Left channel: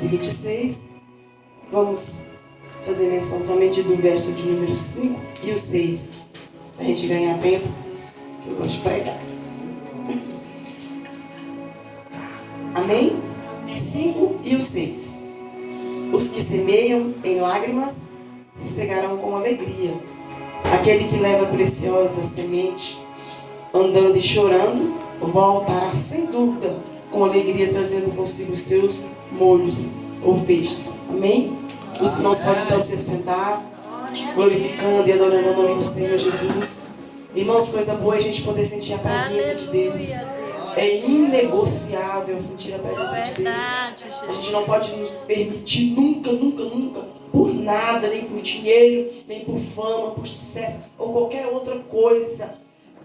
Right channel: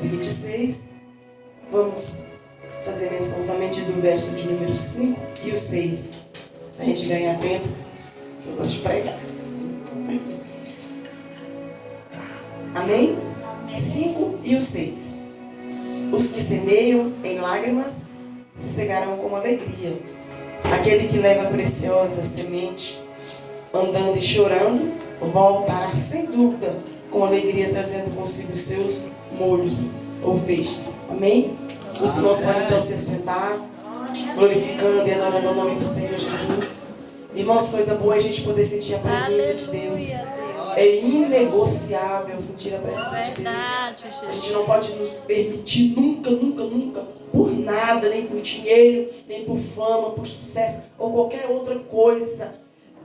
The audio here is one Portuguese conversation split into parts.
126. Vamos fazer menção somente do verso de número 5 e o 6, para a gente ganhar tempo, que eu gosto de pregar. Amém? 5 e o 6. Os que semeiam em lágrimas cegarão com alegria. Aquele que leva preciosa semente, andando e chorando, voltará sem dúvida com alegria, trazendo consigo os seus molhos ou feixes. Amém? Os irmãos podem então se sentar, glorificando e adorando o nome do Senhor Jesus. Irmãos, coisa boa é a gente poder sentir a presença de Deus. É inegociável sentir a presença de Deus. A gente não pode nos permitir nunca, por nada, nem por dinheiro, nem por fama, por sucesso ou qualquer outra coisa,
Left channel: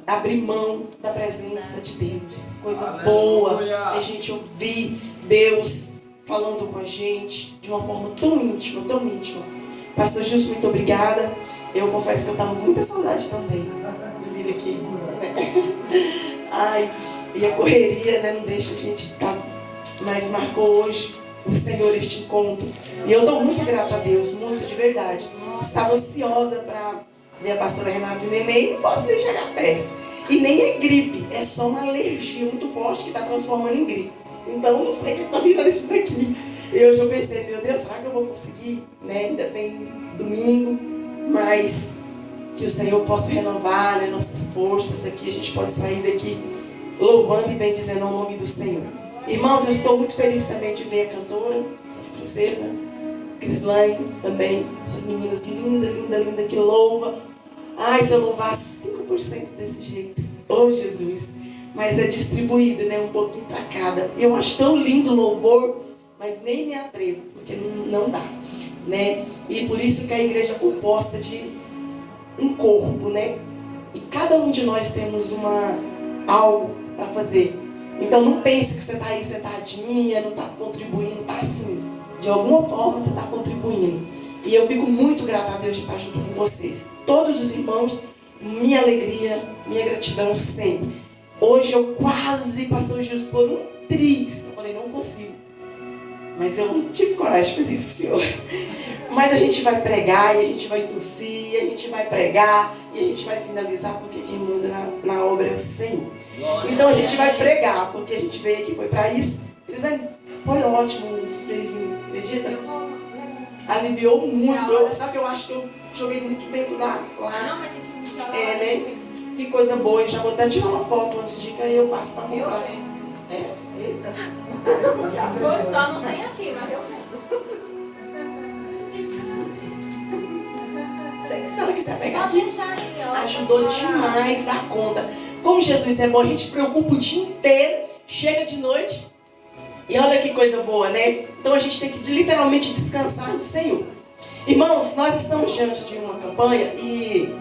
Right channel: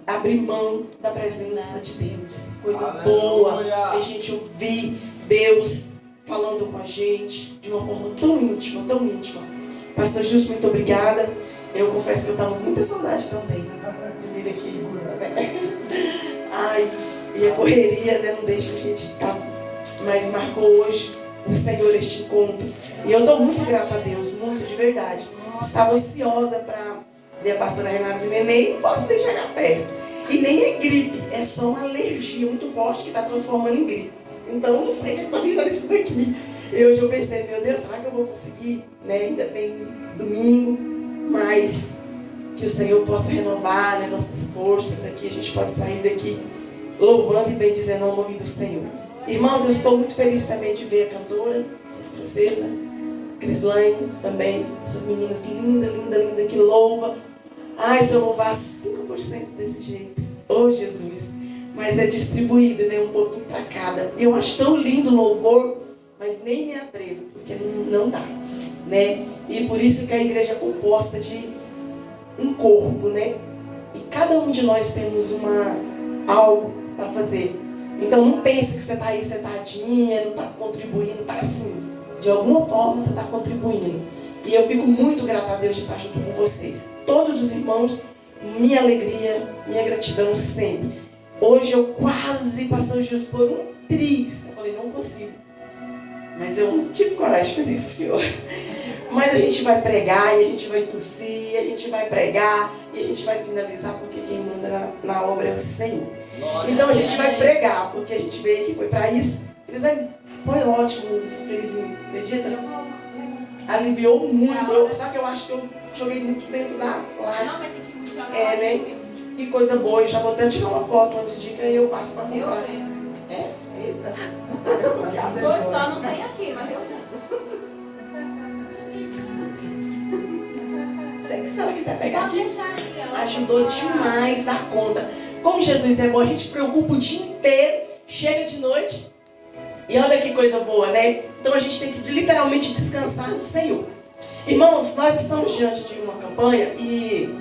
abrir mão da presença de Deus. Coisa boa é a gente ouvir Deus falando com a gente de uma forma tão íntima, tão íntima. Pastor Gilson, muito obrigada. Eu confesso que eu estava com muita saudade também. Ai, e a correria, né, não deixa a gente estar. Mas marcou hoje o Senhor este encontro. E eu estou muito grata a Deus, muito de verdade. Estava ansiosa para ver a pastora Renata e o neném, não posso nem chegar perto. E nem é gripe, é só uma alergia muito forte que está transformando em gripe. Então eu não sei o que está virando isso daqui. E hoje eu pensei, meu Deus, será que eu vou conseguir? Né? Ainda tem domingo, mas que o Senhor possa renovar, né, nossas forças aqui. A gente pode sair daqui louvando e bendizendo o nome do Senhor. Irmãos, eu estou muito feliz também de ver a cantora, essas princesas, Crislaine também, essas meninas lindas que louva. Ai, se eu louvasse 5% desse jeito, oh Jesus, mas é distribuído, né, um pouquinho para cada. Eu acho tão lindo o louvor, mas nem me atrevo, porque não dá, né? E por isso que a igreja é composta de um corpo, né? E cada um de nós temos algo para fazer. Então não pense que você está aí sentadinha, não está contribuindo, está assim. De alguma forma você está contribuindo. E eu fico muito grata a Deus de estar junto com vocês. Todos os irmãos, minha alegria, minha gratidão sempre. Hoje eu quase, pastor Gilson, por um triz. Eu falei, não consigo. Mas eu não tive coragem de fazer isso, Senhor. Mas a gente vai pregar, e a gente vai tossir, a gente vai pregar, e a gente vai finalizar, porque quem manda na obra é o Senhor. Então a gente vai pregar, porque a gente veio aqui, foi para isso. Foi ótimo esse felizinho, acredita? Aliviou muito. Sabe que eu acho que eu joguei muito dentro lá. É, né? Que coisa boa. Eu já vou até tirar uma foto antes de que eu passe para comprar. É, eita. Só não tem aqui, mas eu Sei que se ela quiser pegar pode aqui, deixar aí, ó. ajudou demais a conta. Como Jesus é bom, a gente preocupa o dia inteiro, chega de noite e olha que coisa boa, né? Então a gente tem que literalmente descansar no Senhor. Irmãos, nós estamos diante de uma campanha e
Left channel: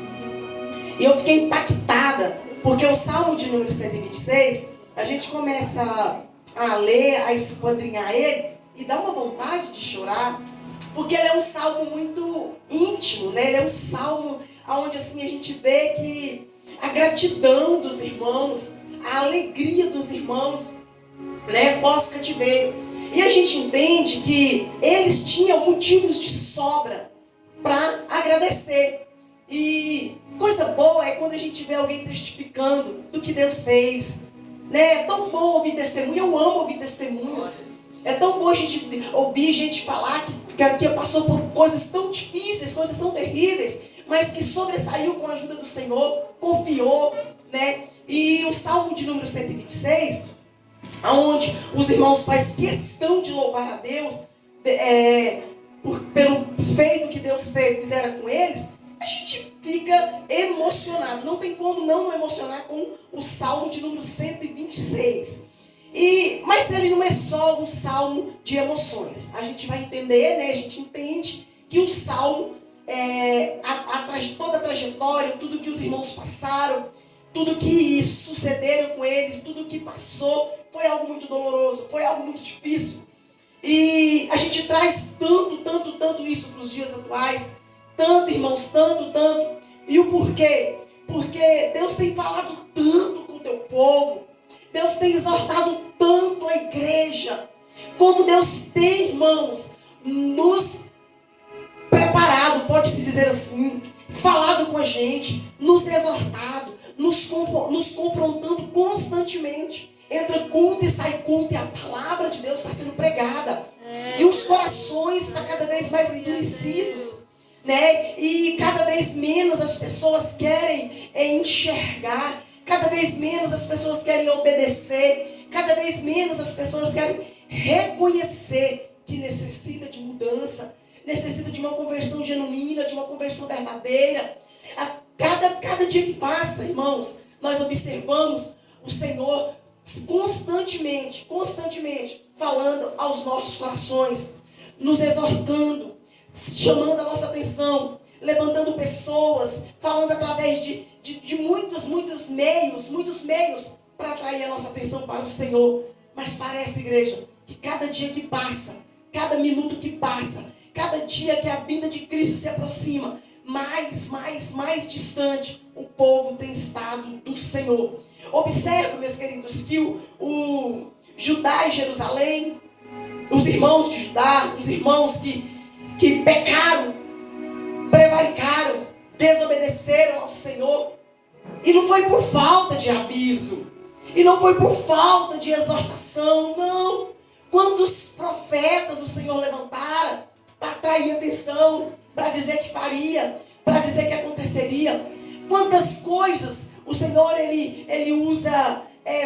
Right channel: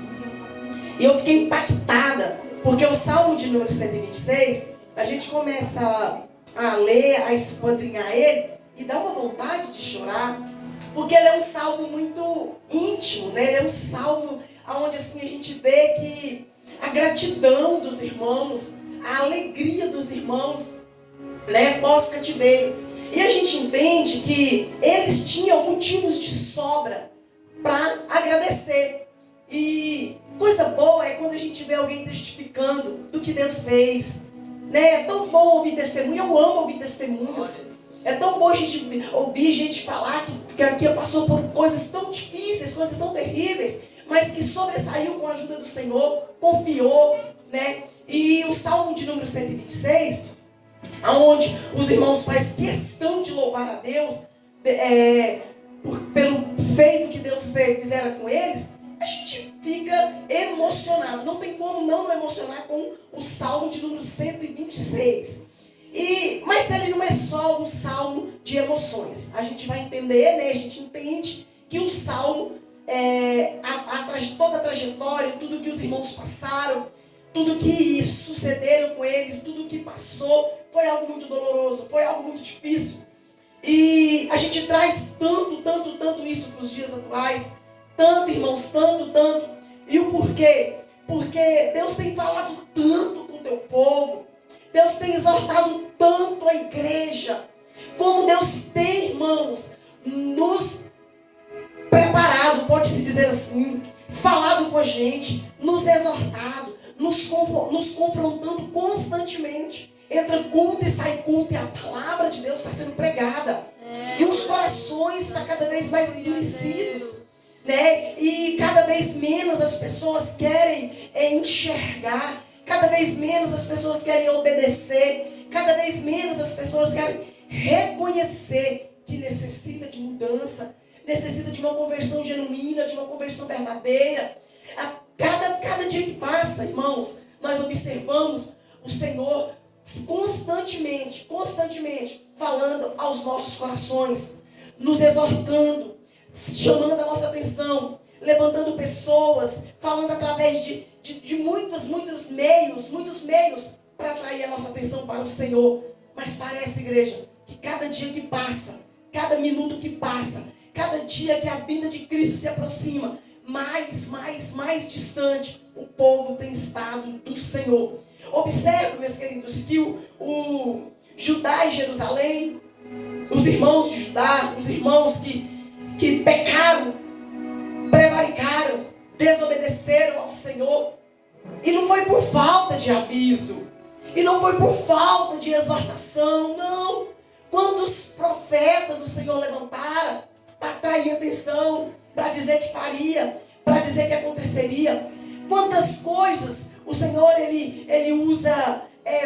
eu fiquei impactada, porque o Salmo de número 126, a gente começa a ler, a esquadrinhar ele e dá uma vontade de chorar, porque ele é um salmo muito íntimo, né? Ele é um salmo onde assim, a gente vê que a gratidão dos irmãos, a alegria dos irmãos, né, pós-cativeiro. E a gente entende que eles tinham motivos de sobra para agradecer. E coisa boa é quando a gente vê alguém testificando do que Deus fez. Né? É tão bom ouvir testemunho, eu amo ouvir testemunhos. É tão bom a gente ouvir gente falar que passou por coisas tão difíceis, coisas tão terríveis, mas que sobressaiu com a ajuda do Senhor, confiou, né? E o Salmo de número 126, onde os irmãos fazem questão de louvar a Deus pelo feito que Deus fizeram com eles, a gente fica emocionado. Não tem como não emocionar com o Salmo de número 126. Mas ele não é só um salmo de emoções. A gente vai entender, né? A gente entende que o salmo, toda a trajetória, tudo que os irmãos passaram, tudo que sucederam com eles, tudo que passou, foi algo muito doloroso, foi algo muito difícil. E a gente traz tanto isso para os dias atuais. Tanto, irmãos, tanto. E o porquê? Porque Deus tem falado tanto com o teu povo. Deus tem exortado tanto a igreja. Como Deus tem, irmãos, dizer assim, falado com a gente, nos exortado, nos confrontando constantemente. Entra culto e sai culto, e a palavra de Deus está sendo pregada. E os corações estão cada vez mais endurecidos, né? E cada vez menos as pessoas querem enxergar, cada vez menos as pessoas querem obedecer, cada vez menos as pessoas querem reconhecer que necessita de mudança, necessita de uma conversão genuína, de uma conversão verdadeira. Cada dia que passa, irmãos, nós observamos o Senhor constantemente falando aos nossos corações, nos exortando, chamando a nossa atenção, levantando pessoas, falando através de muitos meios para atrair a nossa atenção para o Senhor. Mas parece, igreja, que cada dia que passa, cada minuto que passa, cada dia que a vinda de Cristo se aproxima, mais distante o povo tem estado do Senhor. Observe, meus queridos, que o Judá e Jerusalém, os irmãos de Judá, os irmãos que pecaram, prevaricaram, desobedeceram ao Senhor, e não foi por falta de aviso, e não foi por falta de exortação, não. Quantos profetas o Senhor levantara para atrair atenção, para dizer que faria, para dizer que aconteceria. Quantas coisas o Senhor ele usa,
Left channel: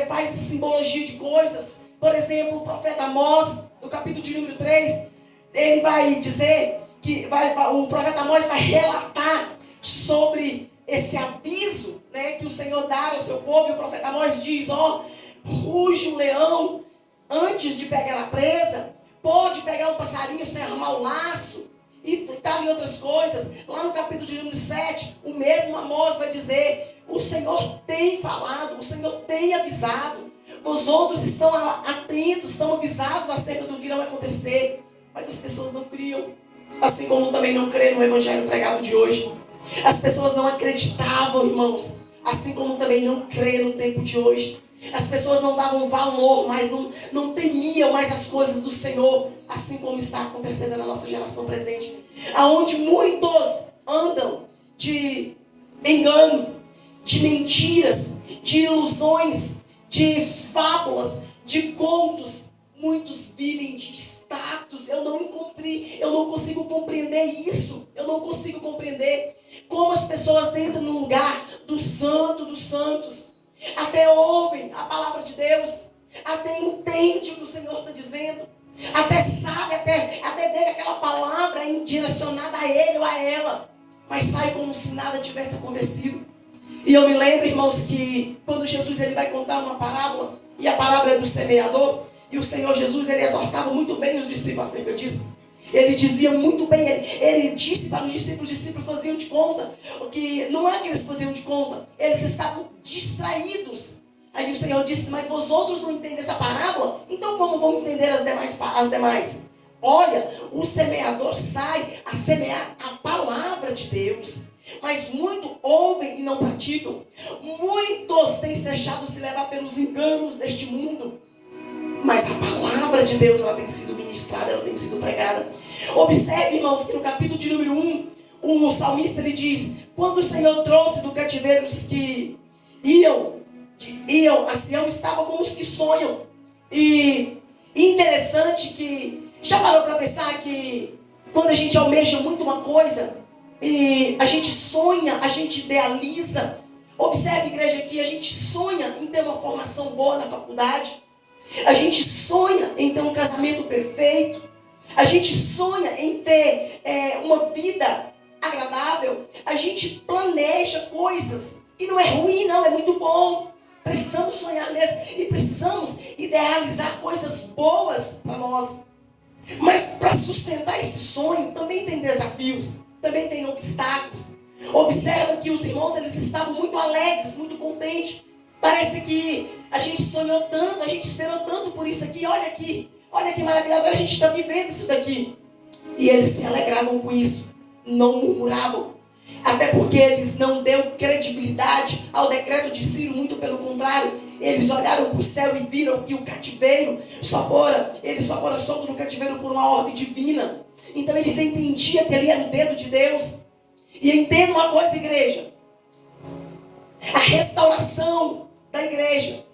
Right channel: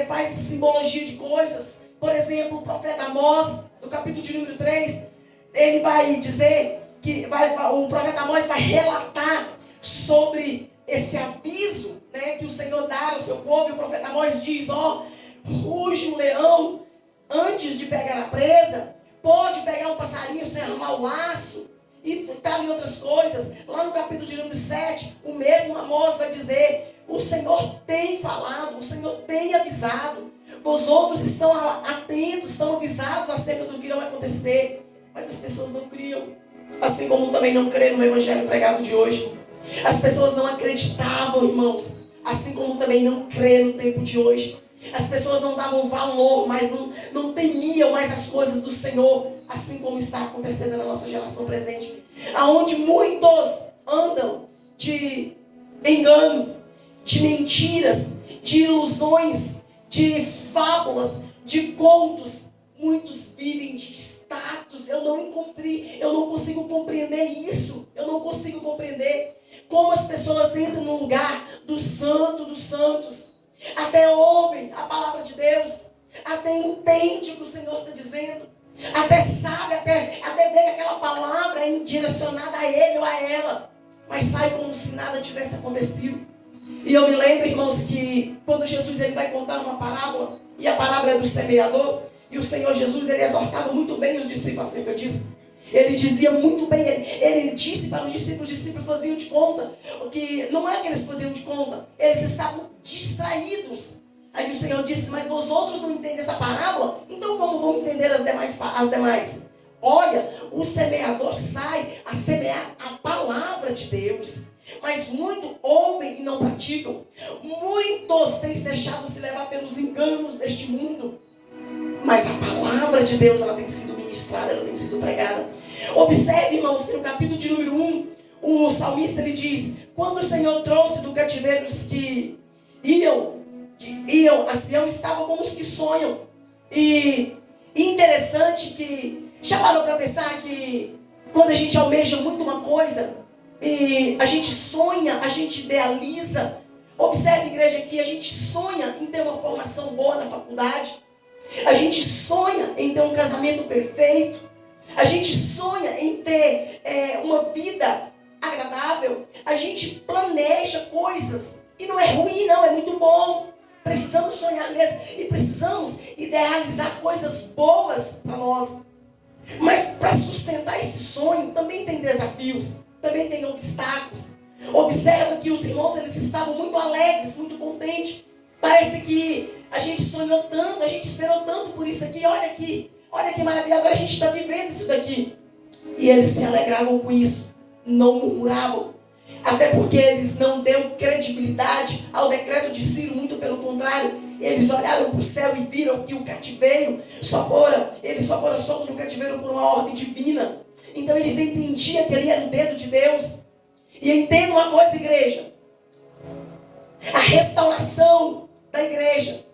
faz simbologia de coisas. Por exemplo, o profeta Amós, no capítulo de número 3, ele vai dizer que o profeta Amós vai relatar sobre esse aviso, né, que o Senhor dá ao seu povo. E o profeta Amós diz: ruge um leão antes de pegar a presa, pode pegar um passarinho sem armar o laço, e tal e outras coisas. Lá no capítulo de número 7, o mesmo Amós vai dizer: o Senhor tem falado, o Senhor tem avisado, os outros estão atentos, estão avisados acerca do que irá acontecer, mas as pessoas não criam, assim como também não creem no evangelho pregado de hoje. As pessoas não acreditavam, irmãos, assim como também não creem no tempo de hoje. As pessoas não davam valor, mas não temiam mais as coisas do Senhor, assim como está acontecendo na nossa geração presente, aonde muitos andam de engano, de mentiras, de ilusões, de fábulas, de contos. Muitos vivem de status. Eu não consigo compreender isso. Eu não consigo compreender como as pessoas entram no lugar do santo dos santos, até ouvem a palavra de Deus, até entende o que o Senhor está dizendo, até sabe, até vê que aquela palavra é direcionada a ele ou a ela, mas sai como se nada tivesse acontecido. E eu me lembro, irmãos, que quando Jesus ele vai contar uma parábola, e a parábola é do semeador, e o Senhor Jesus ele exortava muito bem os discípulos acerca disso. Ele dizia muito bem, ele disse para os discípulos faziam de conta, que não é que eles faziam de conta, eles estavam distraídos. Aí o Senhor disse: mas vós outros não entendem essa parábola? Então vamos entender as demais. Olha, o semeador sai a semear a palavra de Deus, mas muitos ouvem e não praticam. Muitos têm se deixado se levar pelos enganos deste mundo, mas a palavra de Deus ela tem sido ministrada, ela tem sido pregada. Observe, irmãos, que no capítulo de número 1, o salmista ele diz: quando o Senhor trouxe do cativeiro os que iam a Sião, estavam como os que sonham. E interessante que, já parou para pensar que quando a gente almeja muito uma coisa, e a gente sonha, a gente idealiza. Observe, igreja, que a gente sonha em ter uma formação boa na faculdade, a gente sonha em ter um casamento perfeito, a gente sonha em ter uma vida agradável, a gente planeja coisas, e não é ruim não, é muito bom. Precisamos sonhar mesmo, e precisamos idealizar coisas boas para nós. Mas para sustentar esse sonho também tem desafios, também tem obstáculos. Observa que os irmãos eles estavam muito alegres, muito contentes. Parece que a gente sonhou tanto, a gente esperou tanto por isso aqui. Olha que maravilha, agora a gente está vivendo isso daqui. E eles se alegravam com isso, não murmuravam. Até porque eles não deram credibilidade ao decreto de Ciro, muito pelo contrário. Eles olharam para o céu e viram que o cativeiro eles só foram soltos no cativeiro por uma ordem divina. Então eles entendiam que ali era o dedo de Deus. E entenda uma coisa, igreja. A restauração da igreja,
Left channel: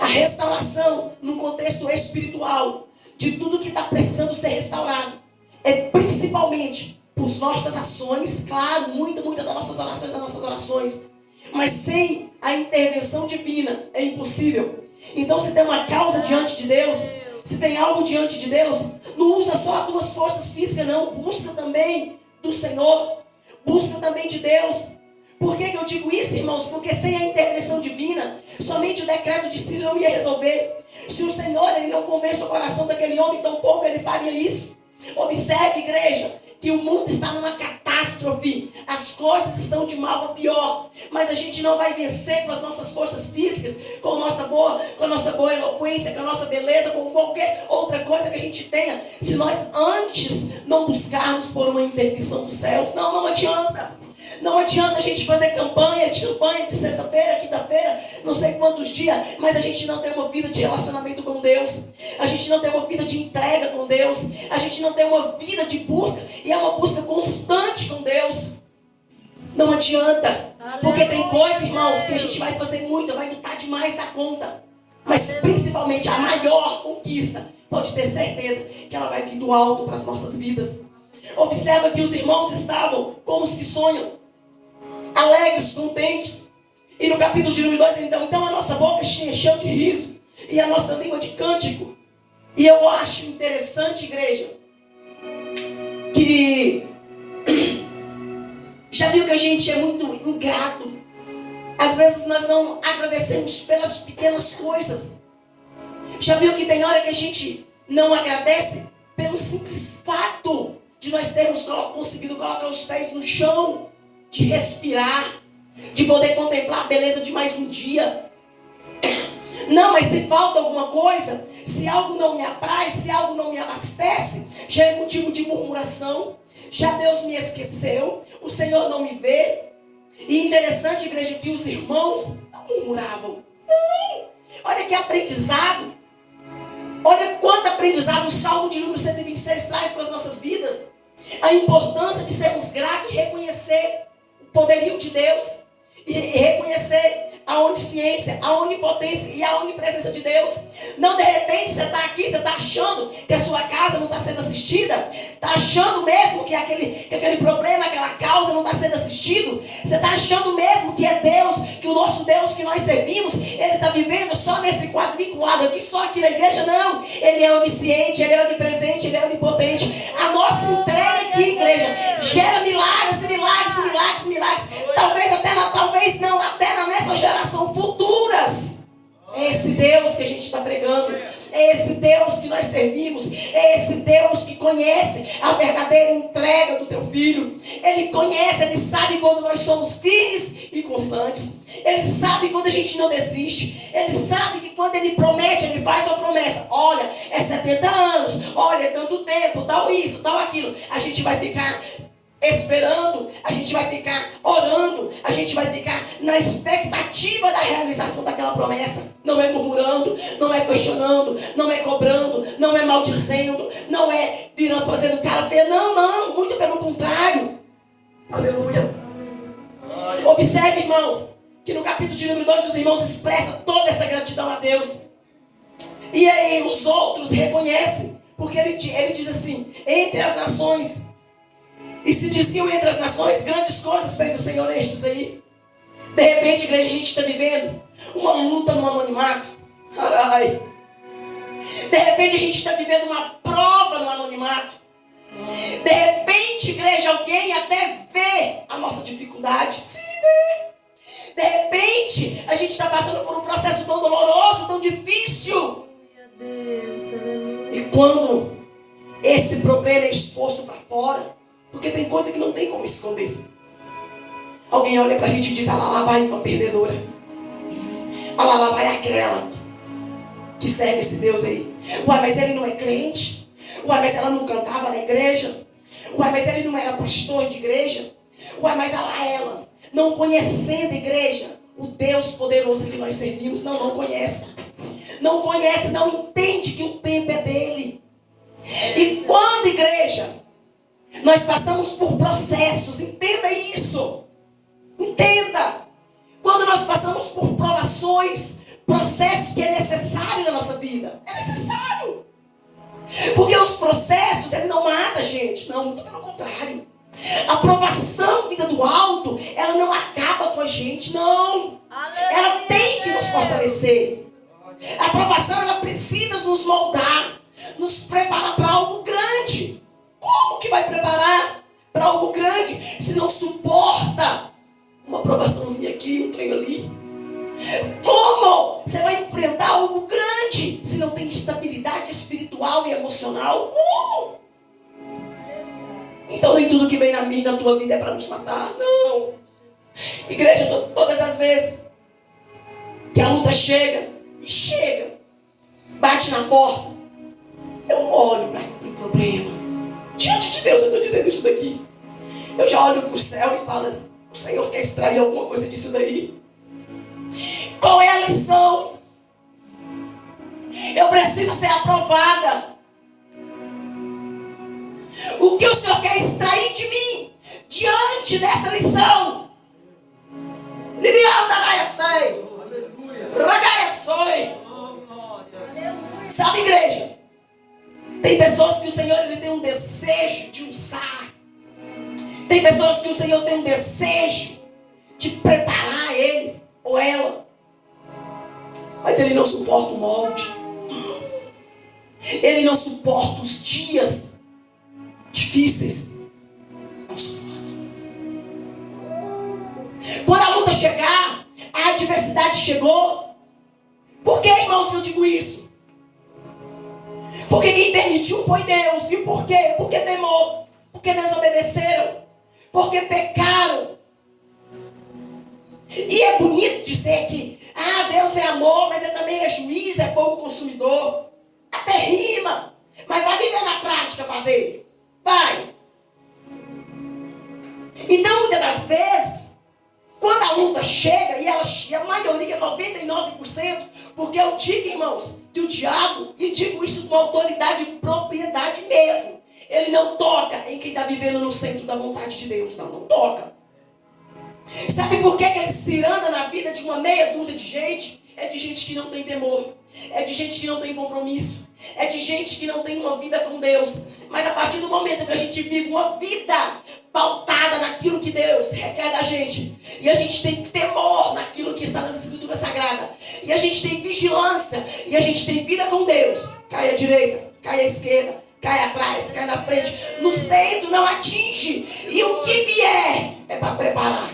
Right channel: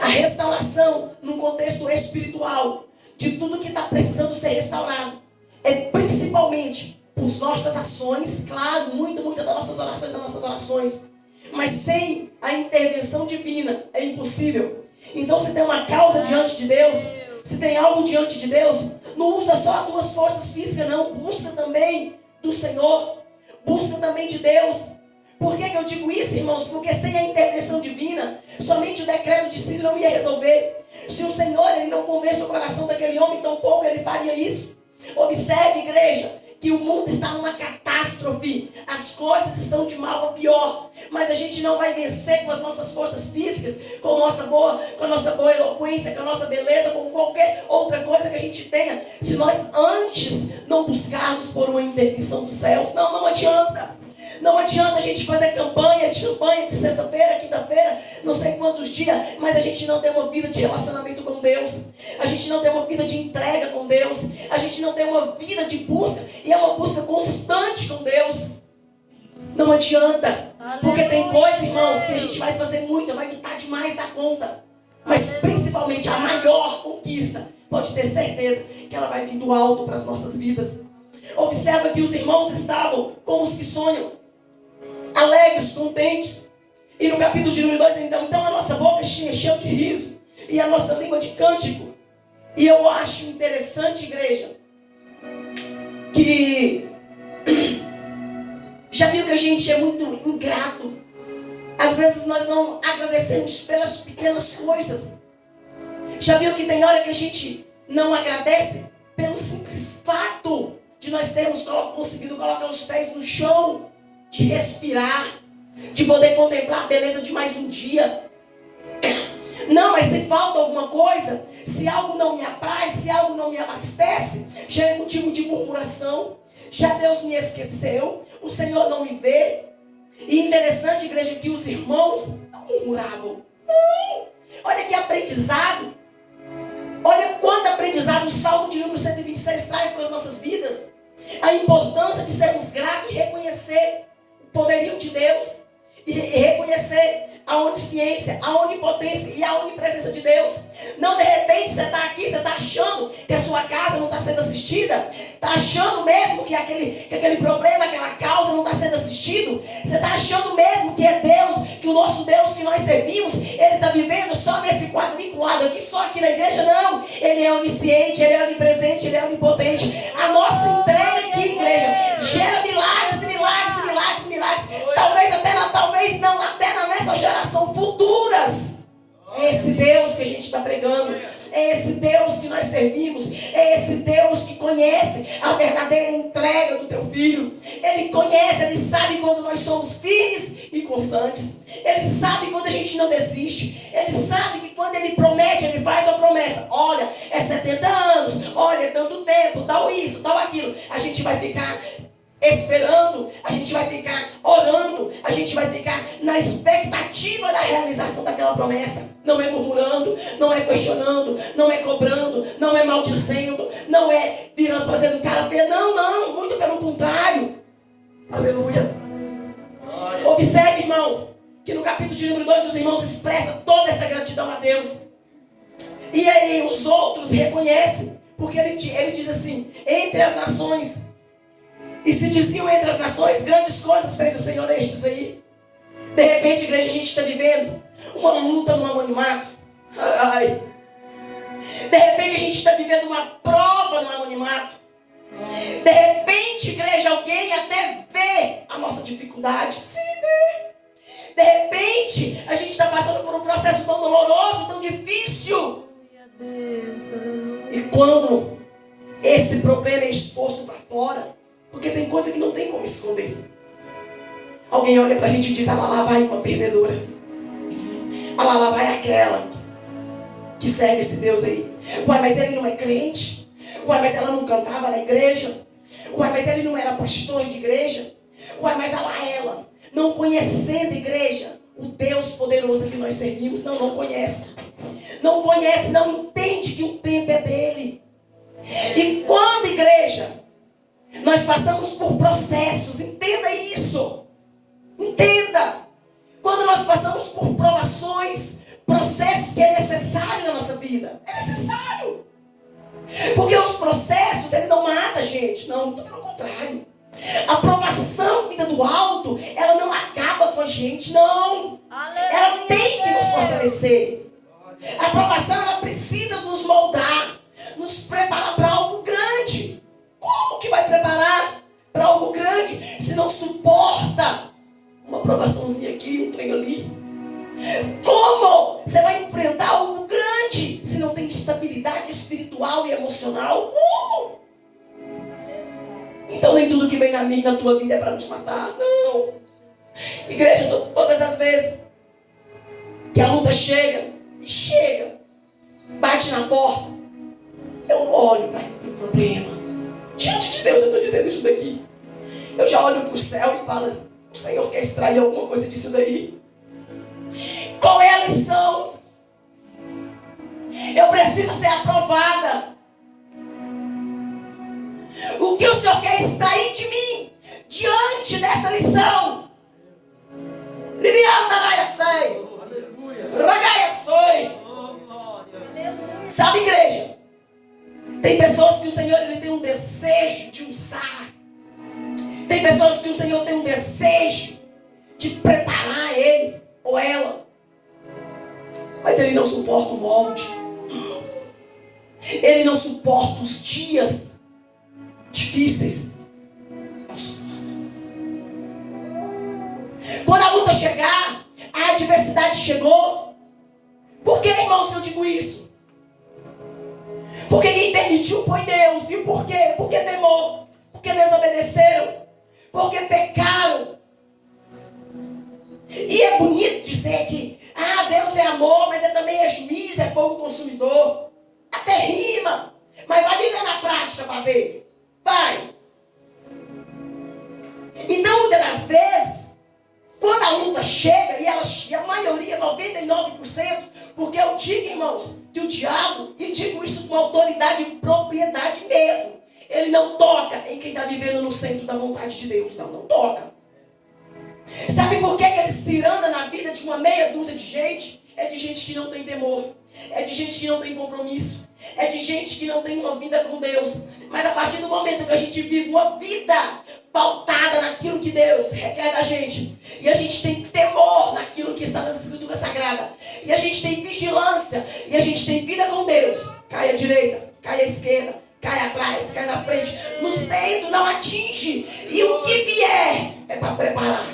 a restauração no contexto espiritual de tudo que está precisando ser restaurado, é principalmente por nossas ações, claro, muitas das nossas orações, mas sem a intervenção divina é impossível. Então, se tem uma causa diante de Deus, se tem algo diante de Deus, não usa só as tuas forças físicas, não. Busca também do Senhor, busca também de Deus. Por que eu digo isso, irmãos? Porque sem a intervenção divina, somente o decreto de Ciro não ia resolver. Se o Senhor ele não convence o coração daquele homem, tampouco ele faria isso. Observe, igreja, que o mundo está numa catástrofe. As coisas estão de mal a pior. Mas a gente não vai vencer com as nossas forças físicas, com a nossa boa eloquência, com a nossa beleza, com qualquer outra coisa que a gente tenha, se nós antes não buscarmos por uma intervenção dos céus. Não adianta. Não adianta a gente fazer campanha de sexta-feira, quinta-feira, não sei quantos dias, mas a gente não tem uma vida de relacionamento com Deus. A gente não tem uma vida de entrega com Deus. A gente não tem uma vida de busca, e é uma busca constante com Deus. Não adianta. Porque tem coisa, irmãos, que a gente vai fazer muito, vai lutar demais da conta. Mas principalmente a maior conquista, pode ter certeza que ela vai vir do alto para as nossas vidas. Observa que os irmãos estavam como os que sonham, alegres, contentes. E no capítulo de número 2, então a nossa boca encheu de riso e a nossa língua de cântico. E eu acho interessante, igreja, que já viu que a gente é muito ingrato. Às vezes nós não agradecemos pelas pequenas coisas. Já viu que tem hora que a gente não agradece pelo simples fato de nós termos conseguido colocar os pés no chão, de respirar, de poder contemplar a beleza de mais um dia. Não, mas se falta alguma coisa, se algo não me apraz, se algo não me abastece, já é motivo de murmuração. Já Deus me esqueceu, o Senhor não me vê. E interessante, igreja, que os irmãos não murmuravam. Não. Olha que aprendizado. Olha quanto aprendizado o Salmo de número 126 traz para as nossas vidas. A importância de sermos gratos e reconhecer o poderio de Deus. E reconhecer a onisciência, a onipotência e a onipresença de Deus. Não, de repente, você está aqui, você está achando que a sua casa não está sendo assistida. Está achando mesmo que aquele problema, aquela causa não está sendo assistido. Você está achando mesmo que é Deus, que o nosso Deus que nós servimos, Ele está vivendo só nesse quadriculado aqui, só aqui na igreja? Não. Ele é onisciente, Ele é onipresente, Ele é onipotente. A nossa entrega aqui, igreja, gera milagres, milagres, milagres, milagres. Talvez não até nessa geração futuras. É esse Deus que a gente está pregando. É esse Deus que nós servimos. É esse Deus que conhece a verdadeira entrega do teu filho. Ele conhece, Ele sabe quando nós somos firmes e constantes. Ele sabe quando a gente não desiste. Ele sabe que quando Ele promete, Ele faz uma promessa. Olha, é 70 anos. Olha, é tanto tempo. Tal isso, tal aquilo. A gente vai ficar esperando, a gente vai ficar orando, a gente vai ficar na expectativa da realização daquela promessa. Não é murmurando, não é questionando, não é cobrando, não é maldizendo, não é virando, fazendo cara feia. Não, muito pelo contrário. Aleluia. Observe, irmãos, que no capítulo de número 2 os irmãos expressam toda essa gratidão a Deus. E aí os outros reconhecem, porque ele diz assim: entre as nações, e se diziam entre as nações, grandes coisas fez o Senhor estes aí. De repente, igreja, a gente está vivendo uma luta no anonimato. Ai. De repente, a gente está vivendo uma prova no anonimato. De repente, igreja, alguém até vê a nossa dificuldade. Se vê. De repente, a gente está passando por um processo tão doloroso, tão difícil. E quando esse problema é exposto para fora, porque tem coisa que não tem como esconder. Alguém olha pra gente e diz: ah, lá vai uma perdedora. Ah, lá vai aquela que serve esse Deus aí. Uai, mas ele não é crente. Uai, mas ela não cantava na igreja. Uai, mas ele não era pastor de igreja. Uai, mas lá ela, não conhecendo a igreja, o Deus poderoso que nós servimos, não conhece. Não conhece, não entende que o tempo é dele. E quando, igreja, nós Nós passamos por processos, entenda isso. Entenda. Quando nós passamos por provações, processos que é necessário na nossa vida. É necessário. Porque os processos, ele não mata a gente. Não, muito pelo contrário. A provação vinda do alto, ela não acaba com a gente, não. Ela tem que nos fortalecer. A provação, ela precisa nos moldar, nos preparar para algo grande. Como que vai preparar para algo grande se não suporta uma provaçãozinha aqui, um trem ali? Como você vai enfrentar algo grande se não tem estabilidade espiritual e emocional? Como? Então nem tudo que vem na tua vida é para nos matar. Não. Igreja, todas as vezes que a luta chega, bate na porta, eu olho para o problema. Diante de Deus eu estou dizendo isso daqui. Eu já olho para o céu e falo, o Senhor quer extrair alguma coisa disso daí. Qual é a lição? Eu preciso ser aprovada. O que o Senhor quer extrair de mim diante dessa lição? Sabe, igreja? Tem pessoas que o Senhor ele tem um desejo de usar. Tem pessoas que o Senhor tem um desejo de preparar ele ou ela. Mas ele não suporta o molde. Ele não suporta os dias difíceis. Não suporta. Quando a luta chegar, a adversidade chegou. Por que, irmãos, eu digo isso? Porque quem permitiu foi Deus. E por quê? Porque temor. Porque desobedeceram. Porque pecaram. E é bonito dizer que Deus é amor, mas ele também é juiz, é fogo consumidor. Até rima. Mas vai viver na prática para ver. Vai. Então, muitas das vezes, quando a luta chega, e a maioria, 99%, porque eu digo, irmãos, que o diabo, e digo isso com autoridade e propriedade mesmo, ele não toca em quem está vivendo no centro da vontade de Deus. Não toca. Sabe por que ele ciranda na vida de uma meia dúzia de gente? É de gente que não tem temor. É de gente que não tem compromisso. É de gente que não tem uma vida com Deus. Mas a partir do momento que a gente vive uma vida pautada naquilo que Deus requer da gente, e a gente tem temor naquilo que está nas Escrituras Sagradas, e a gente tem vigilância, e a gente tem vida com Deus, cai à direita, cai à esquerda, cai atrás, cai na frente, no centro não atinge, e o que vier é para preparar.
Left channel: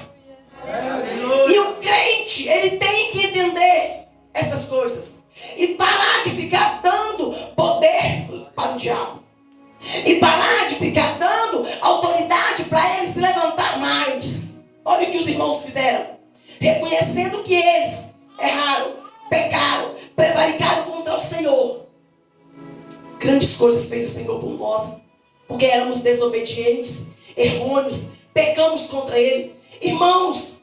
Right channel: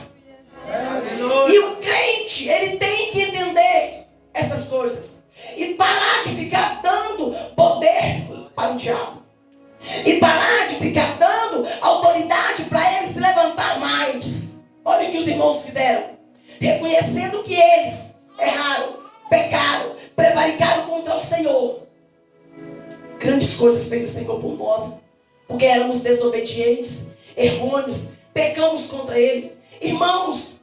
E o crente, ele tem que entender essas coisas e parar de ficar dando poder para o diabo, e parar de ficar dando autoridade para ele se levantar mais. Olha o que os irmãos fizeram, reconhecendo que eles erraram, pecaram, prevaricaram contra o Senhor. Grandes coisas fez o Senhor por nós, porque éramos desobedientes, errôneos, pecamos contra ele. Irmãos,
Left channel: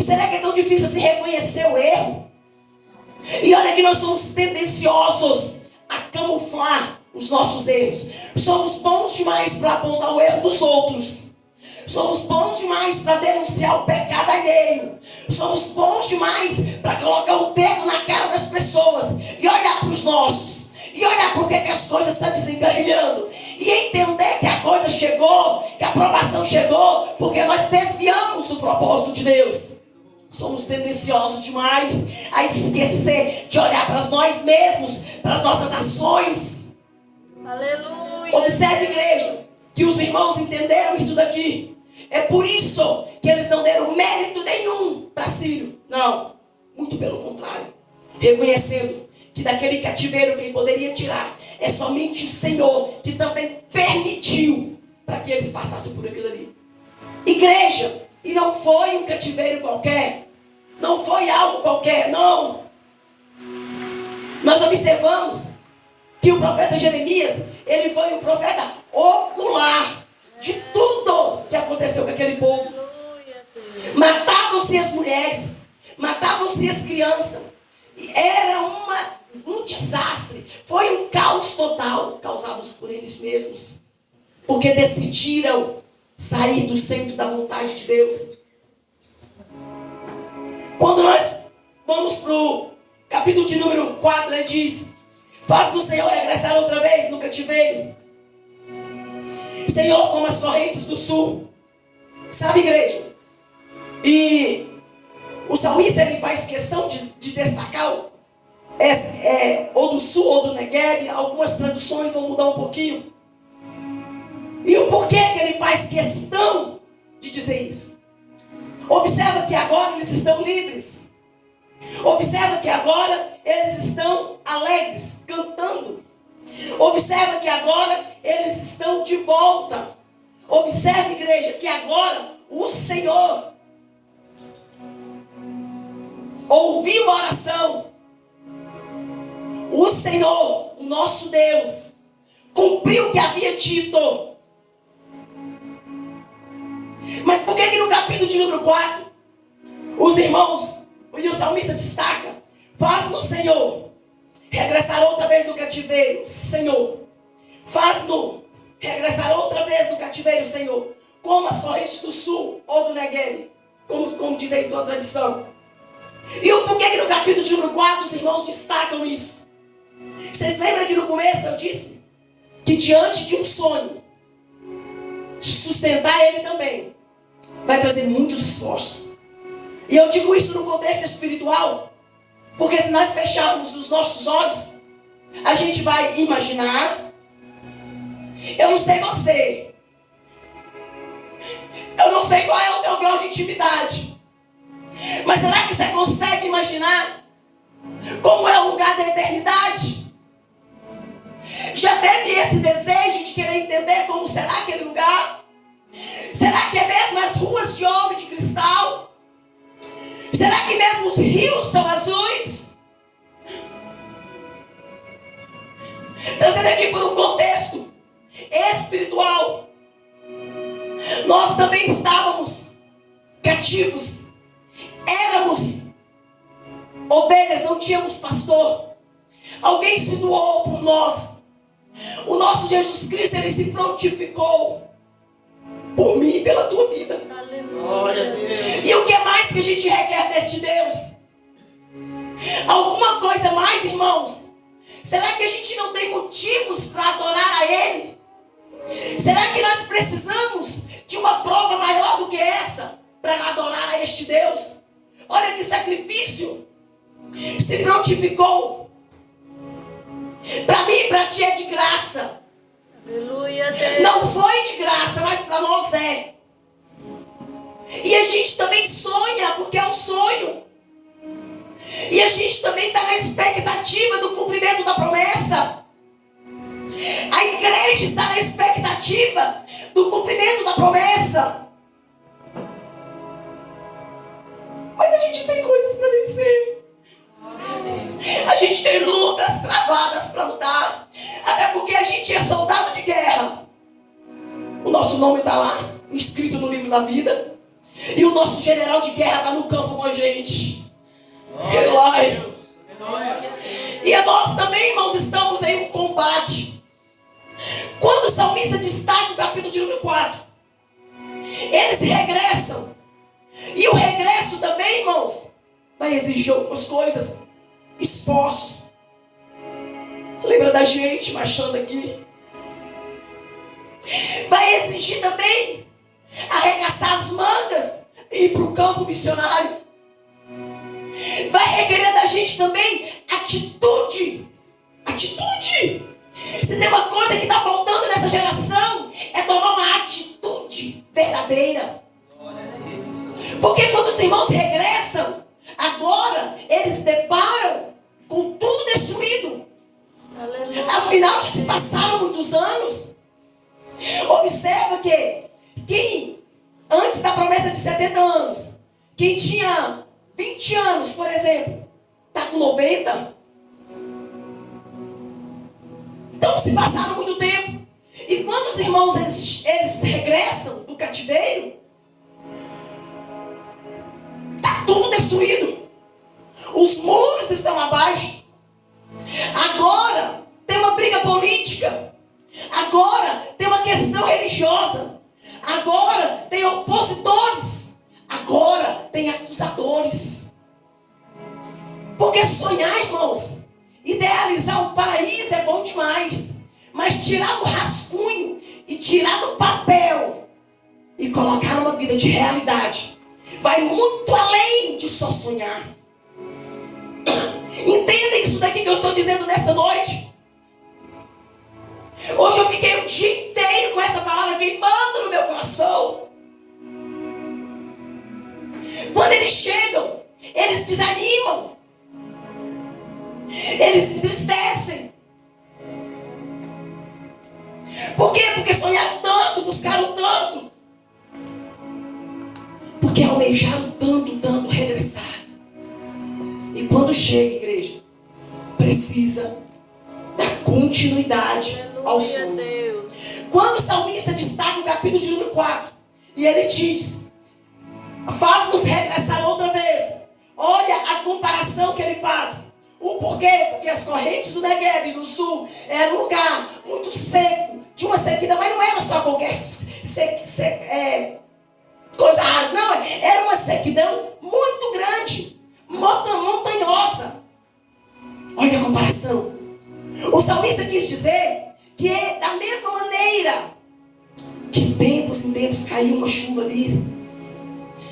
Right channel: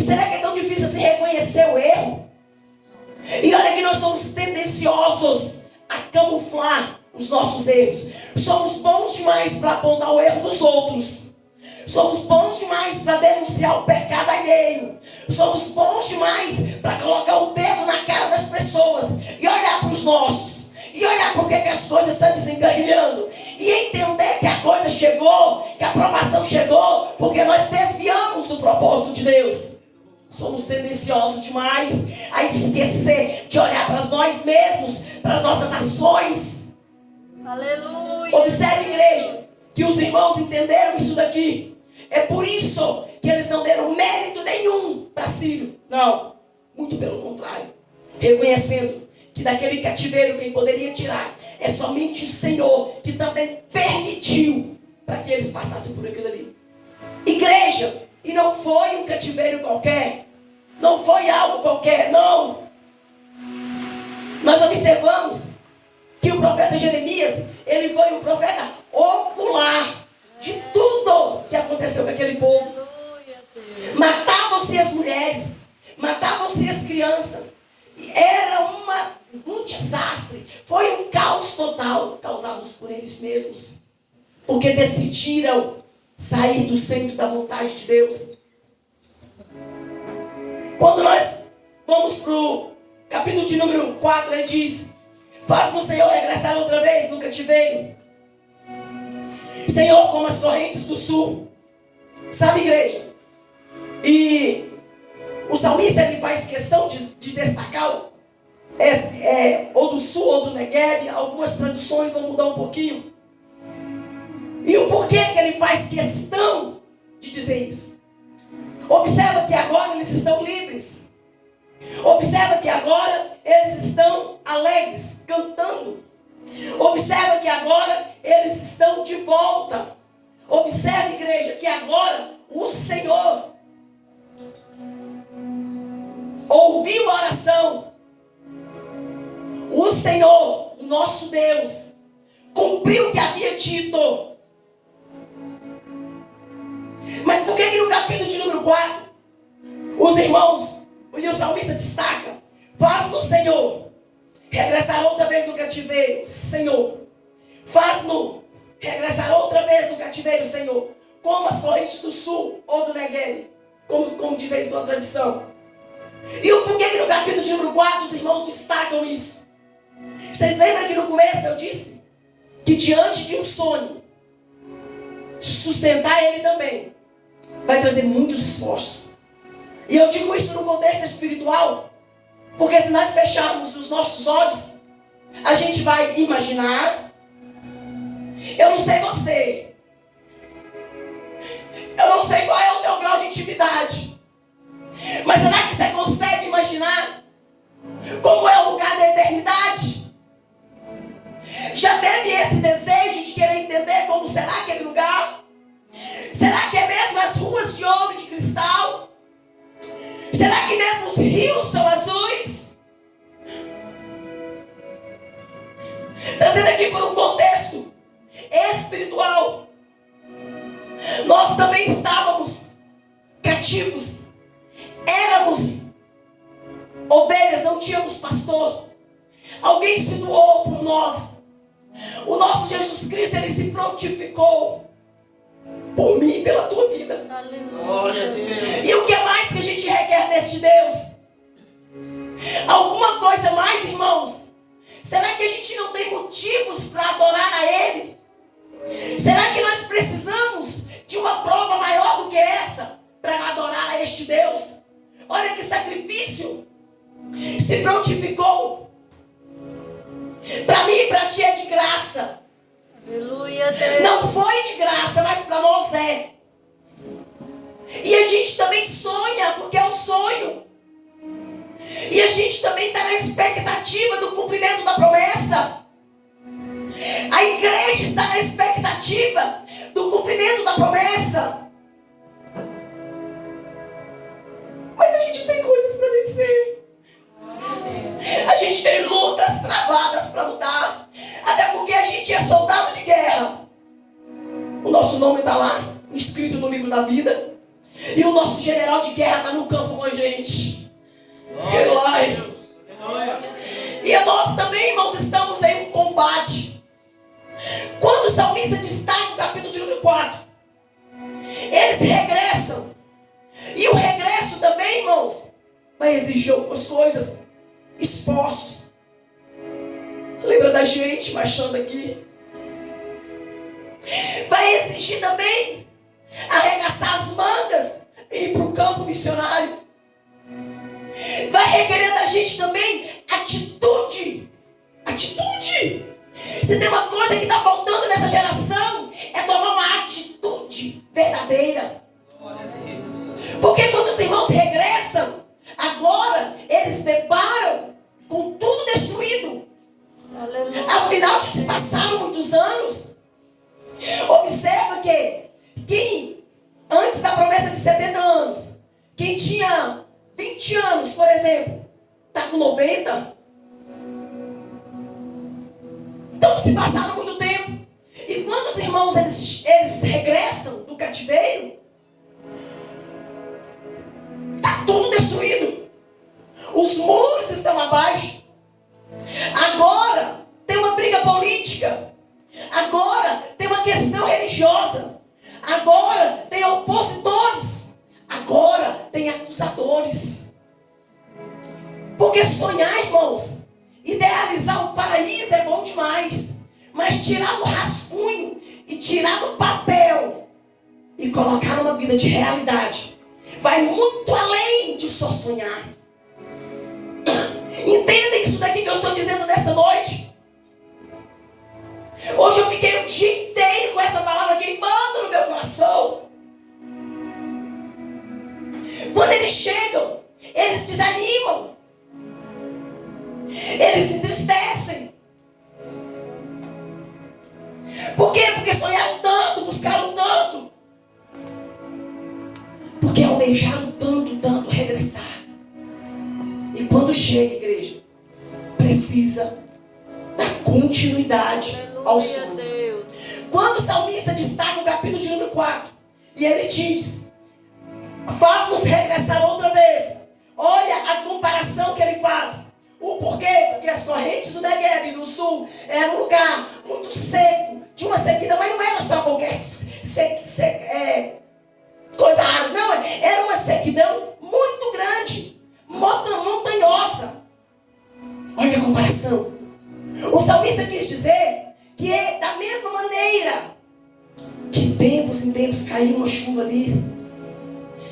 será que é tão difícil se reconhecer o erro? E olha que nós somos tendenciosos a camuflar os nossos erros. Somos bons demais para apontar o erro dos outros. Somos bons demais para denunciar o pecado alheio. Somos bons demais para colocar o dedo na cara das pessoas e olhar para os nossos. E olhar porque que as coisas estão desencarrilhando. E entender que a coisa chegou, que a aprovação chegou, porque nós desviamos do propósito de Deus. Somos tendenciosos demais a esquecer de olhar para nós mesmos, para as nossas ações. Aleluia. Observe, igreja, que os irmãos entenderam isso daqui. É por isso que eles não deram mérito nenhum para Ciro. Não, muito pelo contrário. Reconhecendo que daquele cativeiro quem poderia tirar é somente o Senhor, que também permitiu para que eles passassem por aquilo ali. Igreja, e não foi um cativeiro qualquer, não foi algo qualquer, não. Nós observamos que o profeta Jeremias, ele foi um profeta ocular de tudo que aconteceu com aquele povo. Matavam-se as mulheres, matavam-se as crianças. Era um desastre. Foi um caos total causado por eles mesmos. Porque decidiram sair do centro da vontade de Deus. Quando nós vamos para o capítulo de número 4, ele diz: faz-no, Senhor, regressar outra vez no cativeiro. Senhor, como as correntes do sul. Sabe, igreja? E o salmista, ele faz questão de destacar ou do sul ou do Negueb. Algumas traduções vão mudar um pouquinho. E o porquê que ele faz questão de dizer isso? Observa que agora eles estão livres. Observa que agora eles estão alegres, cantando. Observa que agora eles estão de volta. Observe, igreja, que agora o Senhor ouviu a oração. O Senhor, o nosso Deus, cumpriu o que havia dito. Mas por que no capítulo de número 4, os irmãos e o salmista destacam: faz-no, Senhor, regressar outra vez no cativeiro, Senhor. Faz-no regressar outra vez no cativeiro, Senhor, como as correntes do sul ou do Negueb, como diz a sua tradição. E o porquê que no capítulo de número 4 os irmãos destacam isso? Vocês lembram que no começo eu disse que diante de um sonho, sustentar ele também vai trazer muitos esforços. E eu digo isso no contexto espiritual, porque se nós fecharmos os nossos olhos, a gente vai imaginar. Eu não sei você, eu não sei qual é o teu grau de intimidade, mas será que você consegue imaginar como é o lugar da eternidade? Já teve esse desejo de querer entender como será aquele lugar? Será que é mesmo as ruas de ouro e de cristal? Será que mesmo os rios são azuis? Trazendo aqui por um contexto espiritual, nós também estávamos cativos, éramos ovelhas, não tínhamos pastor. Alguém se doou por nós. O nosso Jesus Cristo, ele se prontificou por mim e pela tua vida. Aleluia. E o que mais que a gente requer deste Deus? Alguma coisa mais, irmãos? Será que a gente não tem motivos para adorar a Ele? Será que nós precisamos de uma prova maior do que essa para adorar a este Deus? Olha que sacrifício. Se prontificou. Para mim e para ti é de graça. Aleluia, Deus. Não foi de graça, mas para nós é. E a gente também sonha, porque é um sonho. E a gente também está na expectativa do cumprimento da promessa. A igreja está na expectativa do cumprimento da promessa. Mas a gente tem coisas para vencer. A gente tem lutas travadas para lutar. Até porque a gente é soldado de guerra. O nosso nome está lá, escrito no livro da vida. E o nosso general de guerra está no campo com a gente. E nós também, irmãos, estamos em um combate. Quando o salmista destaca o capítulo de número 4, eles regressam. E o regresso também, irmãos, vai exigir algumas coisas. Esforços. Lembra da gente marchando aqui? Vai exigir também arregaçar as mangas e ir para o campo missionário. Vai requerer da gente também atitude. Atitude. Se tem uma coisa que está faltando nessa geração, é tomar uma atitude verdadeira. Porque quando os irmãos regressam, agora eles deparam com tudo destruído. Aleluia. Afinal, já se passaram muitos anos. Observa que quem, antes da promessa de 70 anos, quem tinha 20 anos, por exemplo, está com 90. Então se passaram muito tempo. E quando os irmãos eles regressam do cativeiro, está tudo destruído. Os muros estão abaixo. Agora tem uma briga política. Agora tem uma questão religiosa. religiosa. Agora tem opositores. Agora tem acusadores. Porque sonhar, irmãos, idealizar o paraíso é bom demais. Mas tirar do rascunho e tirar do papel e colocar numa vida de realidade vai muito além de só sonhar. Entendem isso daqui que eu estou dizendo nesta noite? Hoje eu fiquei o dia inteiro com essa palavra queimando no meu coração. Quando eles chegam, eles desanimam. Eles se entristecem. Por quê? Porque sonharam tanto, buscaram tanto. Porque almejaram tanto regressar. E quando chega, igreja, precisa da continuidade ao sonho. Quando o salmista destaca o capítulo de número 4, e ele diz: faz-nos regressar outra vez. Olha a comparação que ele faz. O porquê? Porque as correntes do Negueb, do sul, era um lugar muito seco, de uma sequidão, mas não era só qualquer coisa rara, não, era uma sequidão muito grande, montanhosa. Olha a comparação. O salmista quis dizer que é da mesma maneira que de tempos em tempos caiu uma chuva ali,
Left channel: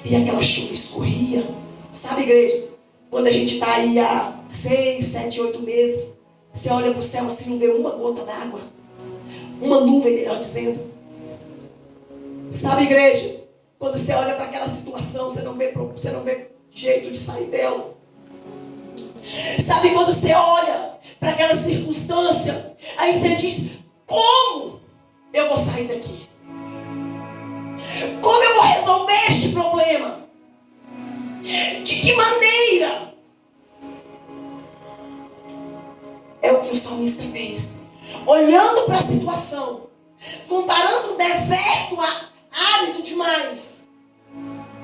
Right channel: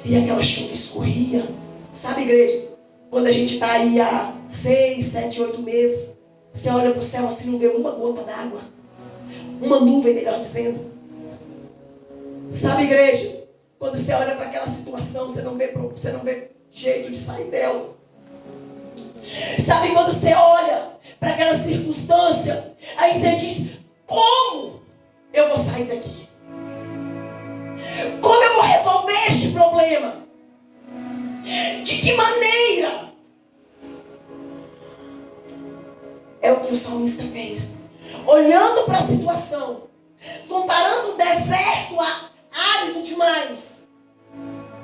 e aquela chuva escorria. Sabe, igreja, quando a gente está aí há 6, 7, 8 meses, você olha para o céu assim, não vê uma gota d'água, uma nuvem, melhor dizendo. Sabe, igreja, quando você olha para aquela situação, você não vê jeito de sair dela. Sabe, quando você olha para aquela circunstância, aí você diz: como eu vou sair daqui? Como eu vou resolver este problema? De que maneira? É o que o salmista fez. Olhando para a situação, comparando um deserto árido demais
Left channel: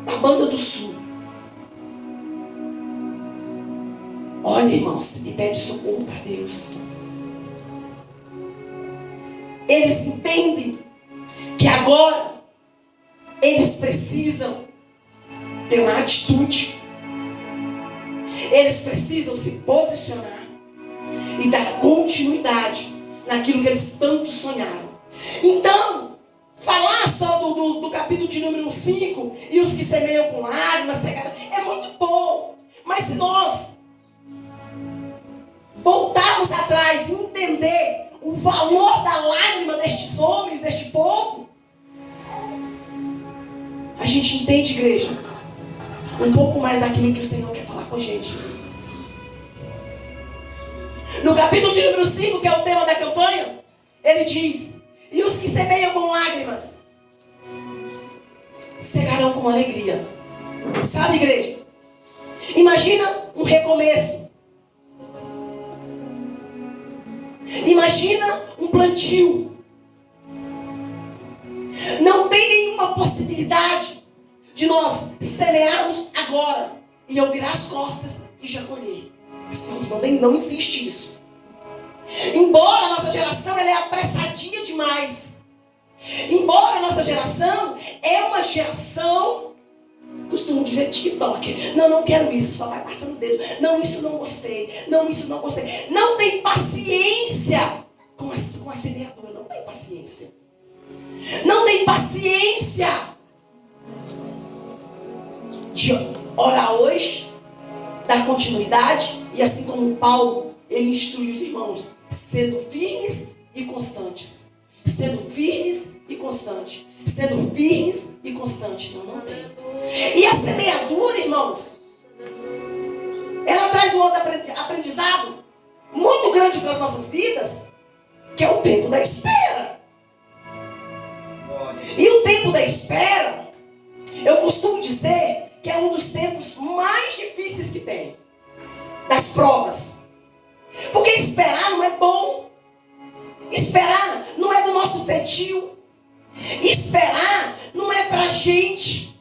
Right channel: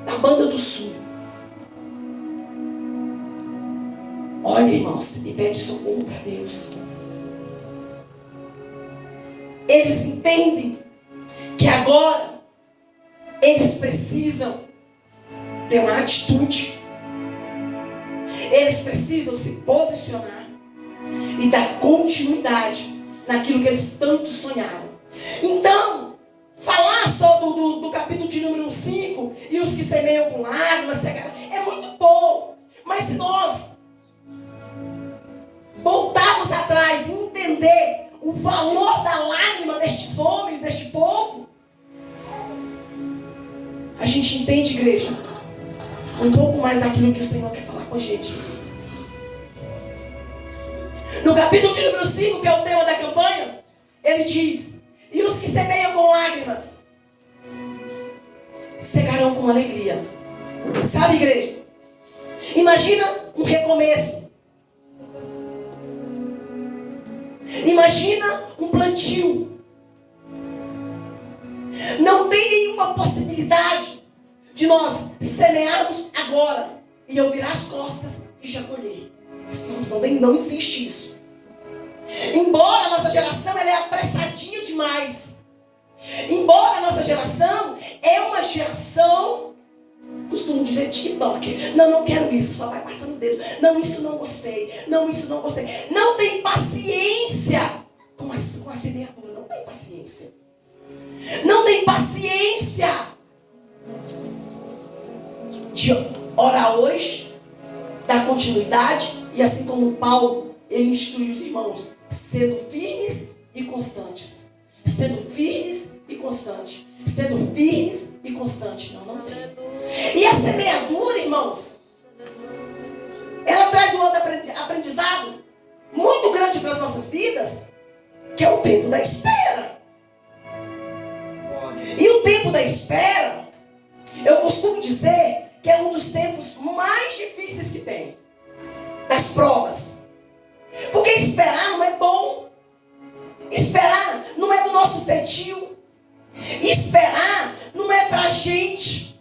da banda do sul. Olha, irmãos, e pede socorro para Deus. Eles entendem que agora eles precisam ter uma atitude. Eles precisam se posicionar e dar continuidade naquilo que eles tanto sonharam. Então, falar só do capítulo de número 5 e os que semeiam com lágrimas é muito bom. Mas se nós voltarmos atrás e entender o valor da lágrima destes homens, deste povo, a gente entende, igreja, um pouco mais daquilo que o Senhor quer falar com a gente. No capítulo de número 5, que é o tema da campanha, ele diz: e os que semeiam com lágrimas cegarão com alegria. Sabe, igreja? Imagina um recomeço. Imagina um plantio. Não tem nenhuma possibilidade de nós semearmos agora e eu virar as costas e já colher. Não existe isso. Embora a nossa geração ela é apressadinha demais. Embora a nossa geração é uma geração, costumo dizer TikTok. Não quero isso, só vai passando o dedo. Não, isso não gostei. Não, isso não gostei. Não tem paciência com a semeadura. Não tem paciência. Não tem paciência de orar hoje, dar continuidade, e assim como Paulo, ele instrui os irmãos, sendo firmes e constantes. Sendo firmes e constantes. Sendo firmes e constantes. Não tem. E a semeadura, irmãos, ela traz um outro aprendizado muito grande para as nossas vidas, que é o tempo da espera. E o tempo da espera, eu costumo dizer que é um dos tempos mais difíceis que tem. Das provas. Porque esperar não é bom. Esperar não é do nosso feitio. Esperar não é pra gente.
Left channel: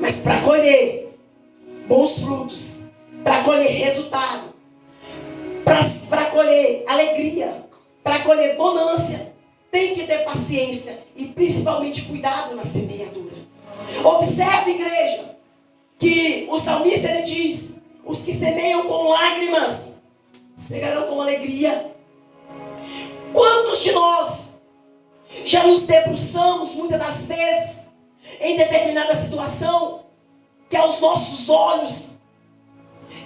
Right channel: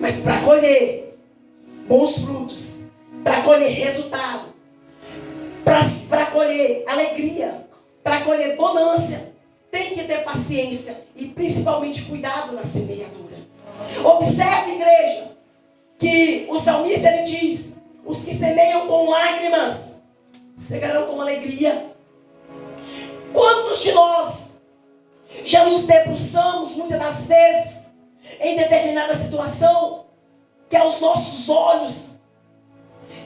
Mas para colher bons frutos, para colher resultado, para colher alegria, para colher bonância, tem que ter paciência e principalmente cuidado na semeadura. Observe, igreja, que o salmista ele diz: os que semeiam com lágrimas cegarão com alegria. Quantos de nós já nos debruçamos muitas das vezes em determinada situação que aos nossos olhos,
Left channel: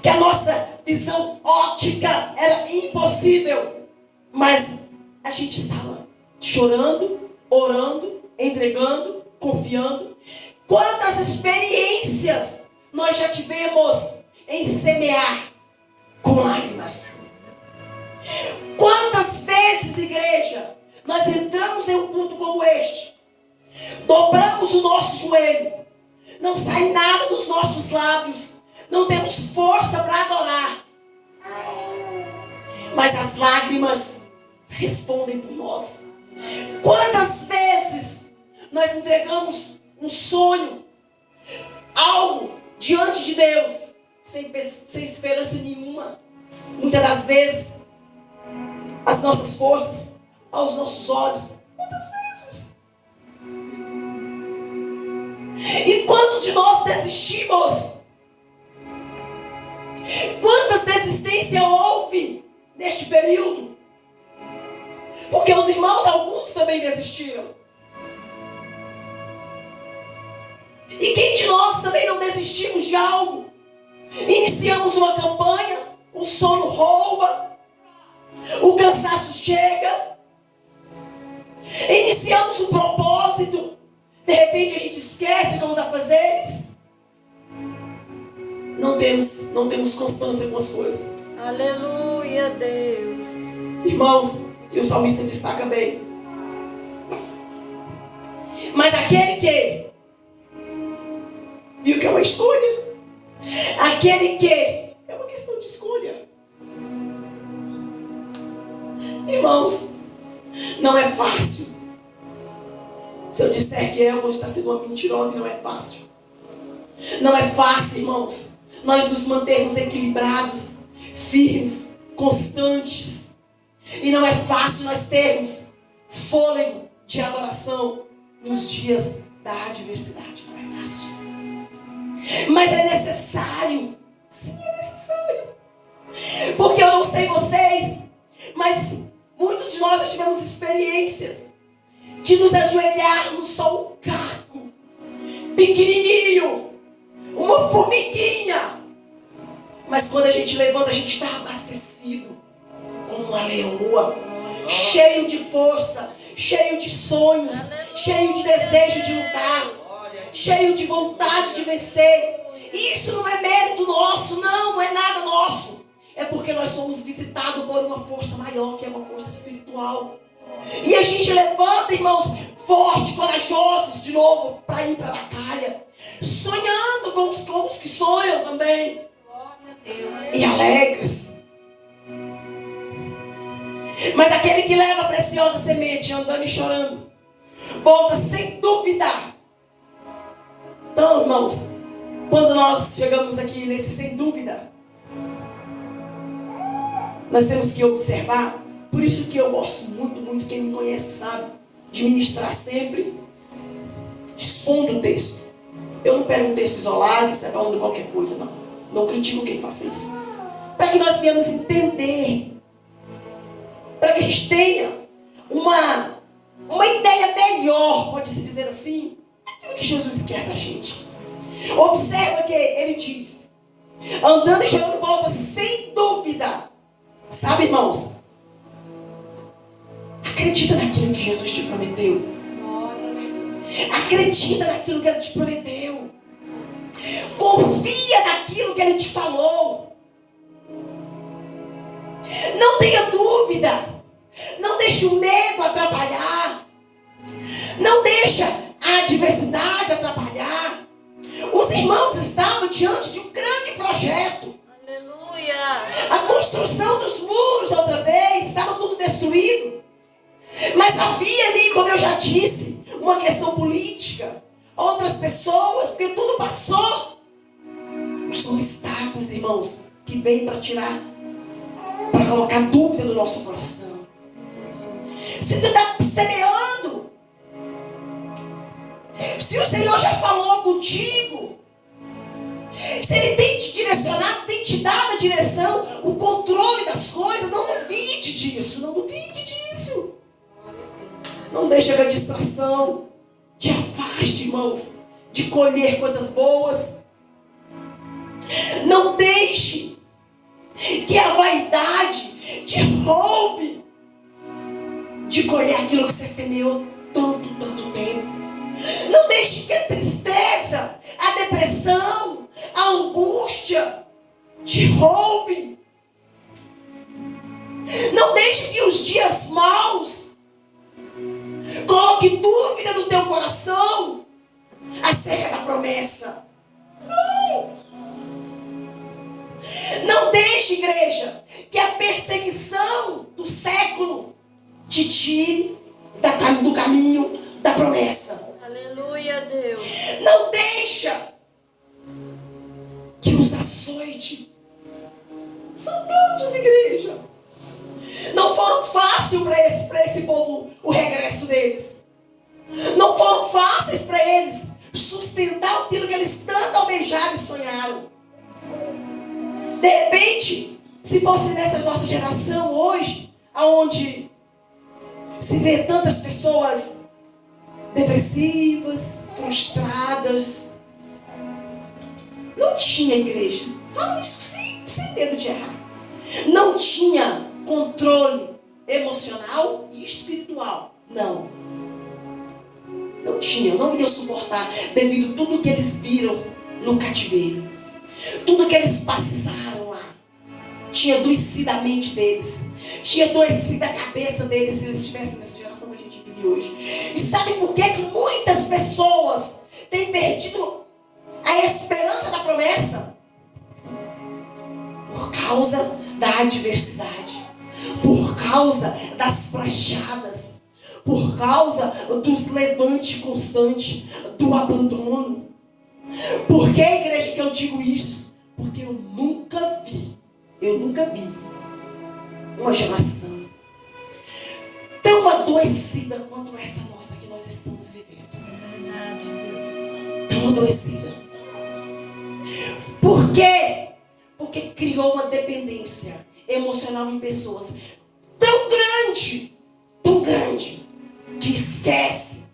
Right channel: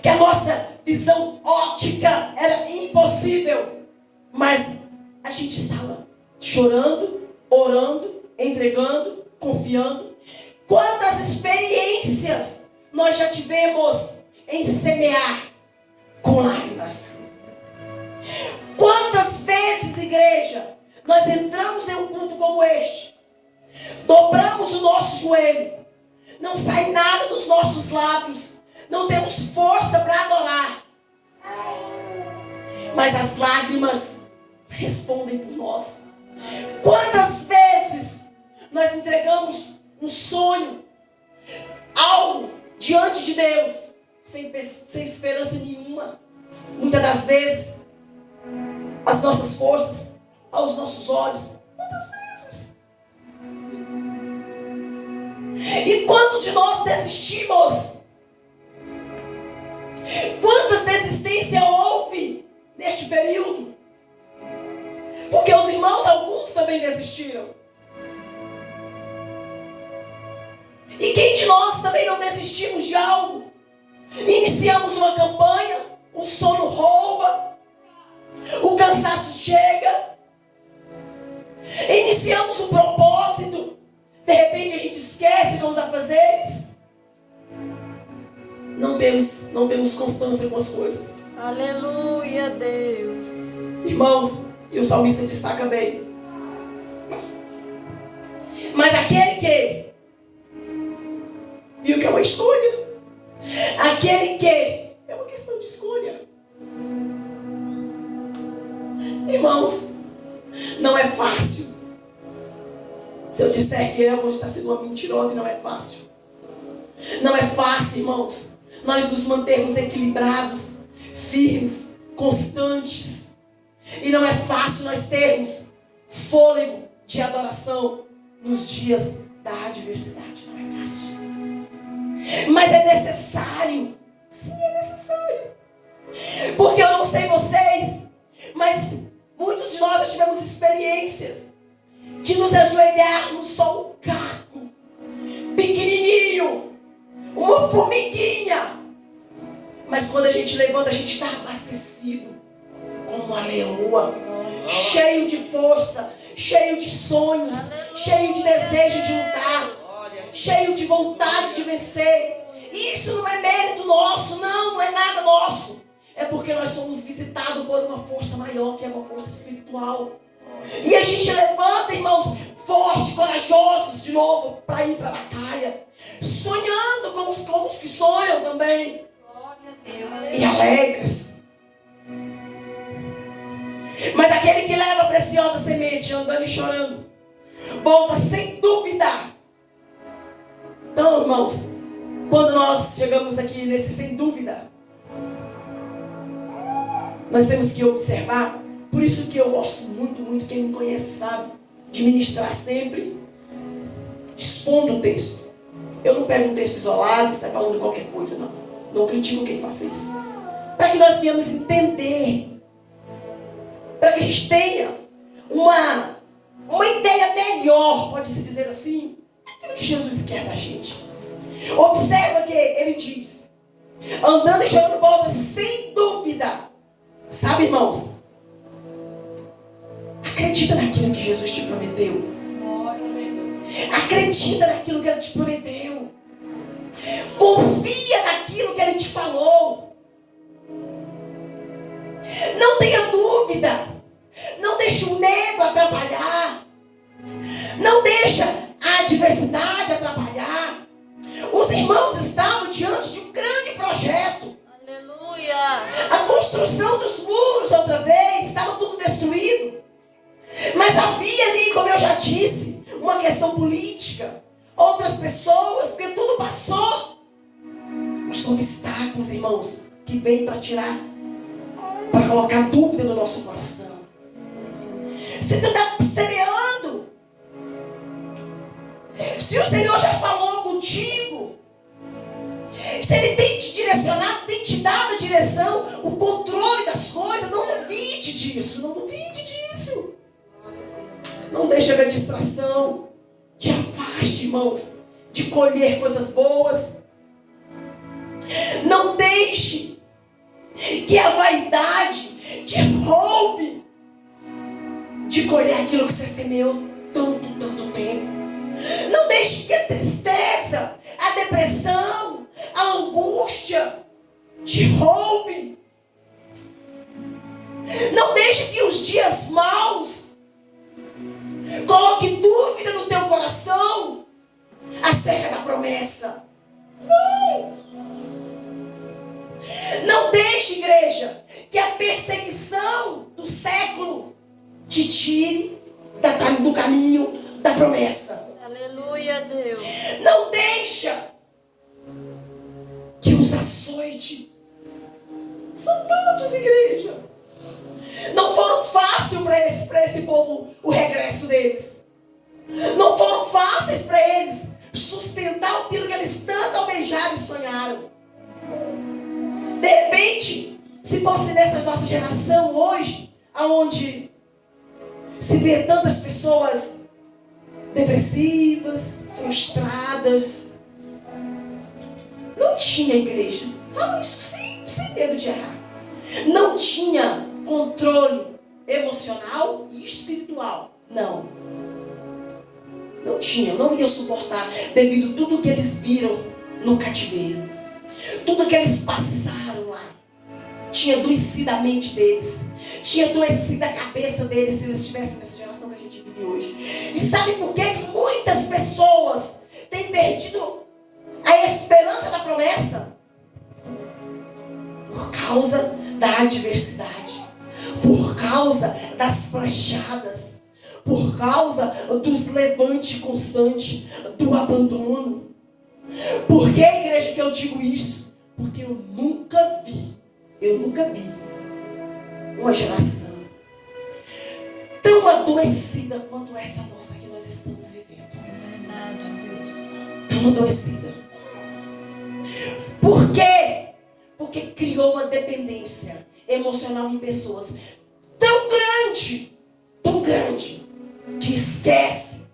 que a nossa visão óptica era impossível, mas a gente estava chorando, orando, entregando, confiando. Quantas experiências nós já tivemos em semear com lágrimas? Quantas vezes, igreja, nós entramos em um culto como este, dobramos o nosso joelho, não sai nada dos nossos lábios, não temos força para adorar, mas as lágrimas respondem por nós. Quantas vezes nós entregamos um sonho, algo diante de Deus, sem esperança nenhuma? Muitas das vezes as nossas forças, aos nossos olhos, muitas vezes. E quantos de nós desistimos? Quantas desistências houve neste período? Porque os irmãos, alguns também desistiram. E quem de nós também não desistimos de algo? Iniciamos uma campanha, o sono rouba, o cansaço chega, iniciamos um propósito, de repente a gente esquece com os afazeres, não temos constância com as coisas. Aleluia, Deus. Irmãos, e o salmista destaca bem: mas aquele que viu que é uma escolha, aquele que é uma questão de escolha. Irmãos, não é fácil. Se eu disser que eu vou estar sendo uma mentirosa, e não é fácil. Não é fácil, irmãos, nós nos mantermos equilibrados, firmes, constantes. E não é fácil nós termos fôlego de adoração nos dias da adversidade. Não é fácil. Mas é necessário. Sim, é necessário. Porque eu não sei vocês, mas muitos de nós já tivemos experiências de nos ajoelharmos só um caco, pequenininho, uma formiguinha. Mas quando a gente levanta, a gente está abastecido, como uma leoa, cheio de força, cheio de sonhos, cheio de desejo de lutar, cheio de vontade de vencer. E isso não é mérito nosso, não é nada nosso. É porque nós somos visitados por uma força maior, que é uma força espiritual. E a gente levanta, irmãos, forte, corajosos de novo, para ir para a batalha, sonhando com os que sonham também. E alegres. Mas aquele que leva a preciosa semente, andando e chorando, volta sem dúvida. Então, irmãos, quando nós chegamos aqui nesse sem dúvida, nós temos que observar. Por isso que eu gosto muito, muito, quem me conhece sabe, de ministrar sempre expondo o texto. Eu não pego um texto isolado e saio falando qualquer coisa, não. Não critico quem faça isso. Para que nós venhamos entender, para que a gente tenha uma ideia melhor, pode-se dizer assim, daquilo que Jesus quer da gente. Observa que ele diz: andando e chorando volta sem dúvida. Sabe, irmãos? Acredita naquilo que Jesus te prometeu. Acredita naquilo que ele te prometeu. Confia naquilo que ele te falou. Não tenha dúvida. Não deixe o medo atrapalhar. Não deixa a adversidade atrapalhar. Os irmãos estavam diante de um grande projeto. Aleluia. A construção dos muros outra vez, estava tudo destruído. Mas havia ali, como eu já disse, uma questão política. Outras pessoas, porque tudo passou. Os obstáculos, irmãos, que vêm para tirar, para colocar dúvida no nosso coração. Se tu está semeando, se o Senhor já falou contigo, se Ele tem te direcionado, tem te dado a direção, o controle das coisas, não duvide disso, não duvide disso. Não deixe a distração te afaste, irmãos, de colher coisas boas. Não deixe que a vaidade te roube de colher aquilo que você semeou tanto tempo. Não deixe que a tristeza, a depressão, a angústia te roube. Não deixe que os dias maus coloque dúvida no teu coração acerca da promessa. Não deixe, igreja, que a perseguição do século te tire do caminho da promessa. Aleluia, Deus. Não deixa que os açoite. São tantos, igreja. Não foram fáceis para esse povo o regresso deles. Não foram fáceis para eles sustentar aquilo que eles tanto almejaram e sonharam. De repente, se fosse nessa nossa geração hoje, aonde se vê tantas pessoas depressivas, frustradas, não tinha igreja. Falo isso sem medo de errar. Não tinha controle emocional e espiritual. Não tinha, não iam suportar devido a tudo que eles viram no cativeiro, tudo que eles passaram lá. Tinha adoecido a mente deles, tinha adoecido a cabeça deles, se eles estivessem nessa geração que a gente vive hoje. E sabe por que muitas pessoas têm perdido a esperança da promessa? Por causa da adversidade, por causa das flechadas, por causa dos levantes constantes, do abandono. Por que, igreja, que eu digo isso? Porque eu nunca vi uma geração tão adoecida quanto essa nossa que nós estamos vivendo. Tão adoecida. Por quê? Porque criou uma dependência emocional em pessoas tão grande, que esquece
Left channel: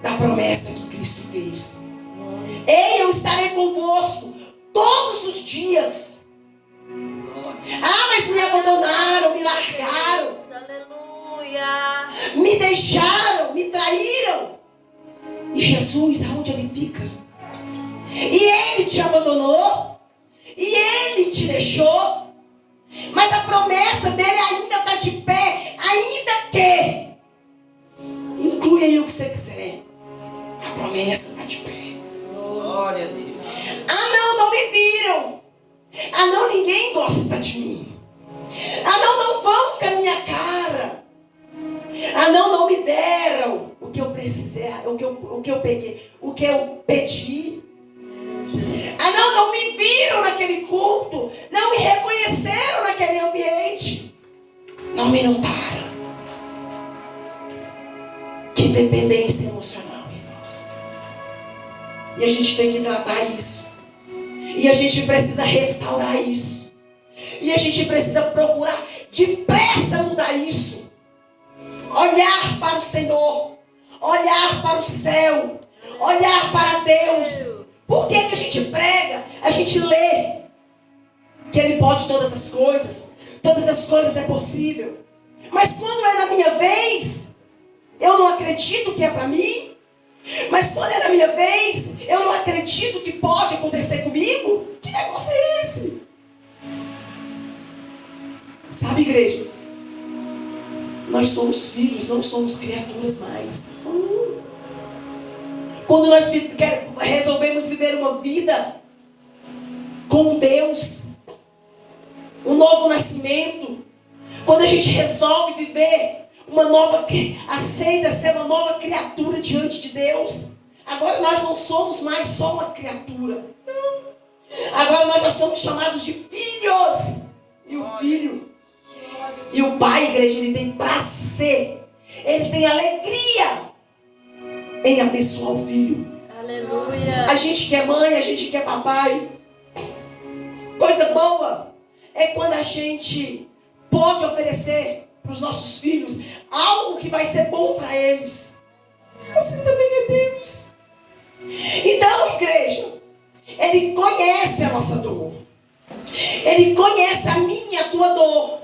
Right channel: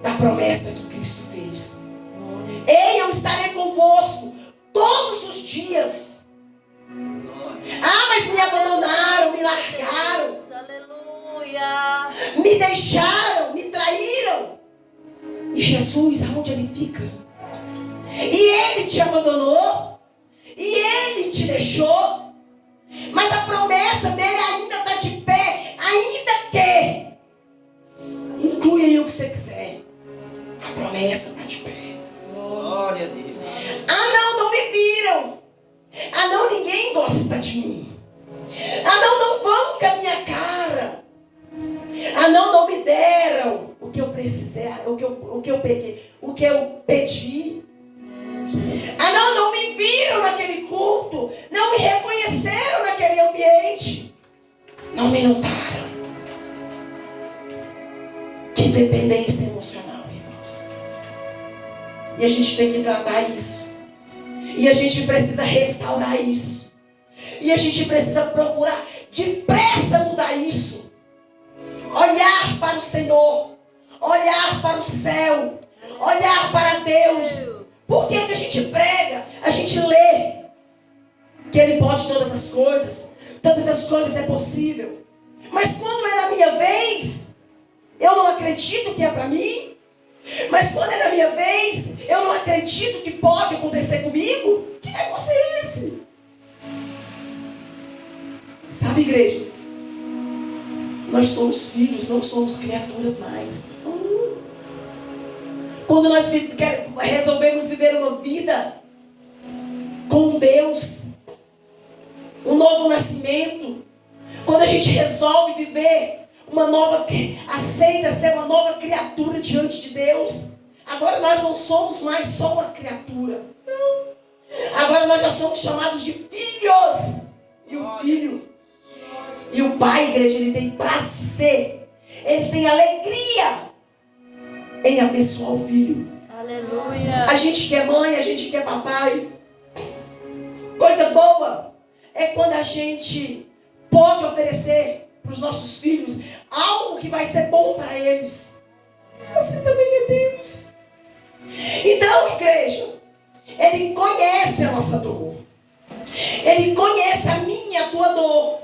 da promessa que Cristo fez. Ei, eu estarei convosco todos os dias. Ah, mas me abandonaram, me largaram. Aleluia. Me deixaram, me traíram. E Jesus, aonde Ele fica? E Ele te abandonou. E Ele te deixou. Mas a promessa dele ainda está de pé. Ainda que. Inclui aí o que você quiser. A promessa está de pé. Glória a Deus. Ah, não me viram. Ah, não, ninguém gosta de mim. Ah, não vão com a minha cara. Ah, não me deram o que eu precisei, o que eu peguei, o que eu pedi. Ah, não me viram naquele culto. Não me reconheceram naquele ambiente. Não me notaram. Que dependência emocional, irmãos. E a gente tem que tratar isso. E a gente precisa restaurar isso. E a gente precisa procurar depressa mudar isso. Olhar para o Senhor. Olhar para o céu. Olhar para Deus. Por que a gente prega? A gente lê que Ele pode todas as coisas. Todas as coisas é possível. Mas quando é na minha vez, eu não acredito que é para mim. Mas quando é na minha vez, eu não acredito que pode acontecer comigo. Que negócio é esse? Sabe, igreja? Nós somos filhos, não somos criaturas mais. Quando nós resolvemos viver uma vida com Deus, um novo nascimento, quando a gente resolve viver uma nova, aceita ser uma nova criatura diante de Deus, agora nós não somos mais só uma criatura. Não. Agora nós já somos chamados de filhos. E o filho, e o pai, igreja, ele tem prazer Ele tem alegria em abençoar o filho. Aleluia. A gente que é mãe, a gente que é papai. Coisa boa é quando a gente pode oferecer para os nossos filhos algo que vai ser bom para eles. Assim também é Deus. Então, igreja, Ele conhece a nossa dor. Ele conhece a minha e a tua dor.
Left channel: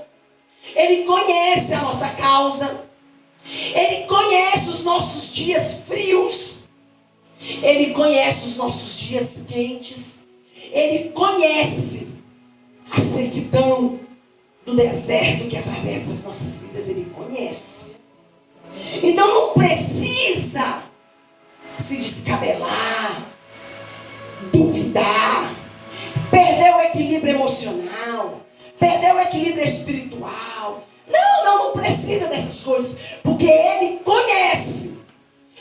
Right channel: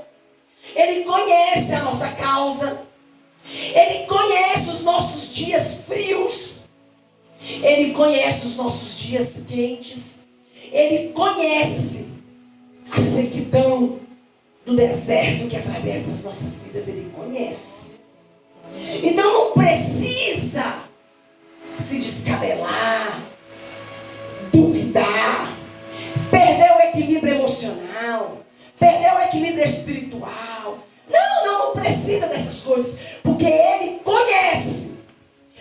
Ele conhece a nossa causa. Ele conhece os nossos dias frios. Ele conhece os nossos dias quentes. Ele conhece a sequidão do deserto que atravessa as nossas vidas. Ele conhece. Então não precisa se descabelar, duvidar, perder o equilíbrio emocional, perder o equilíbrio espiritual. Não precisa dessas coisas, porque Ele conhece.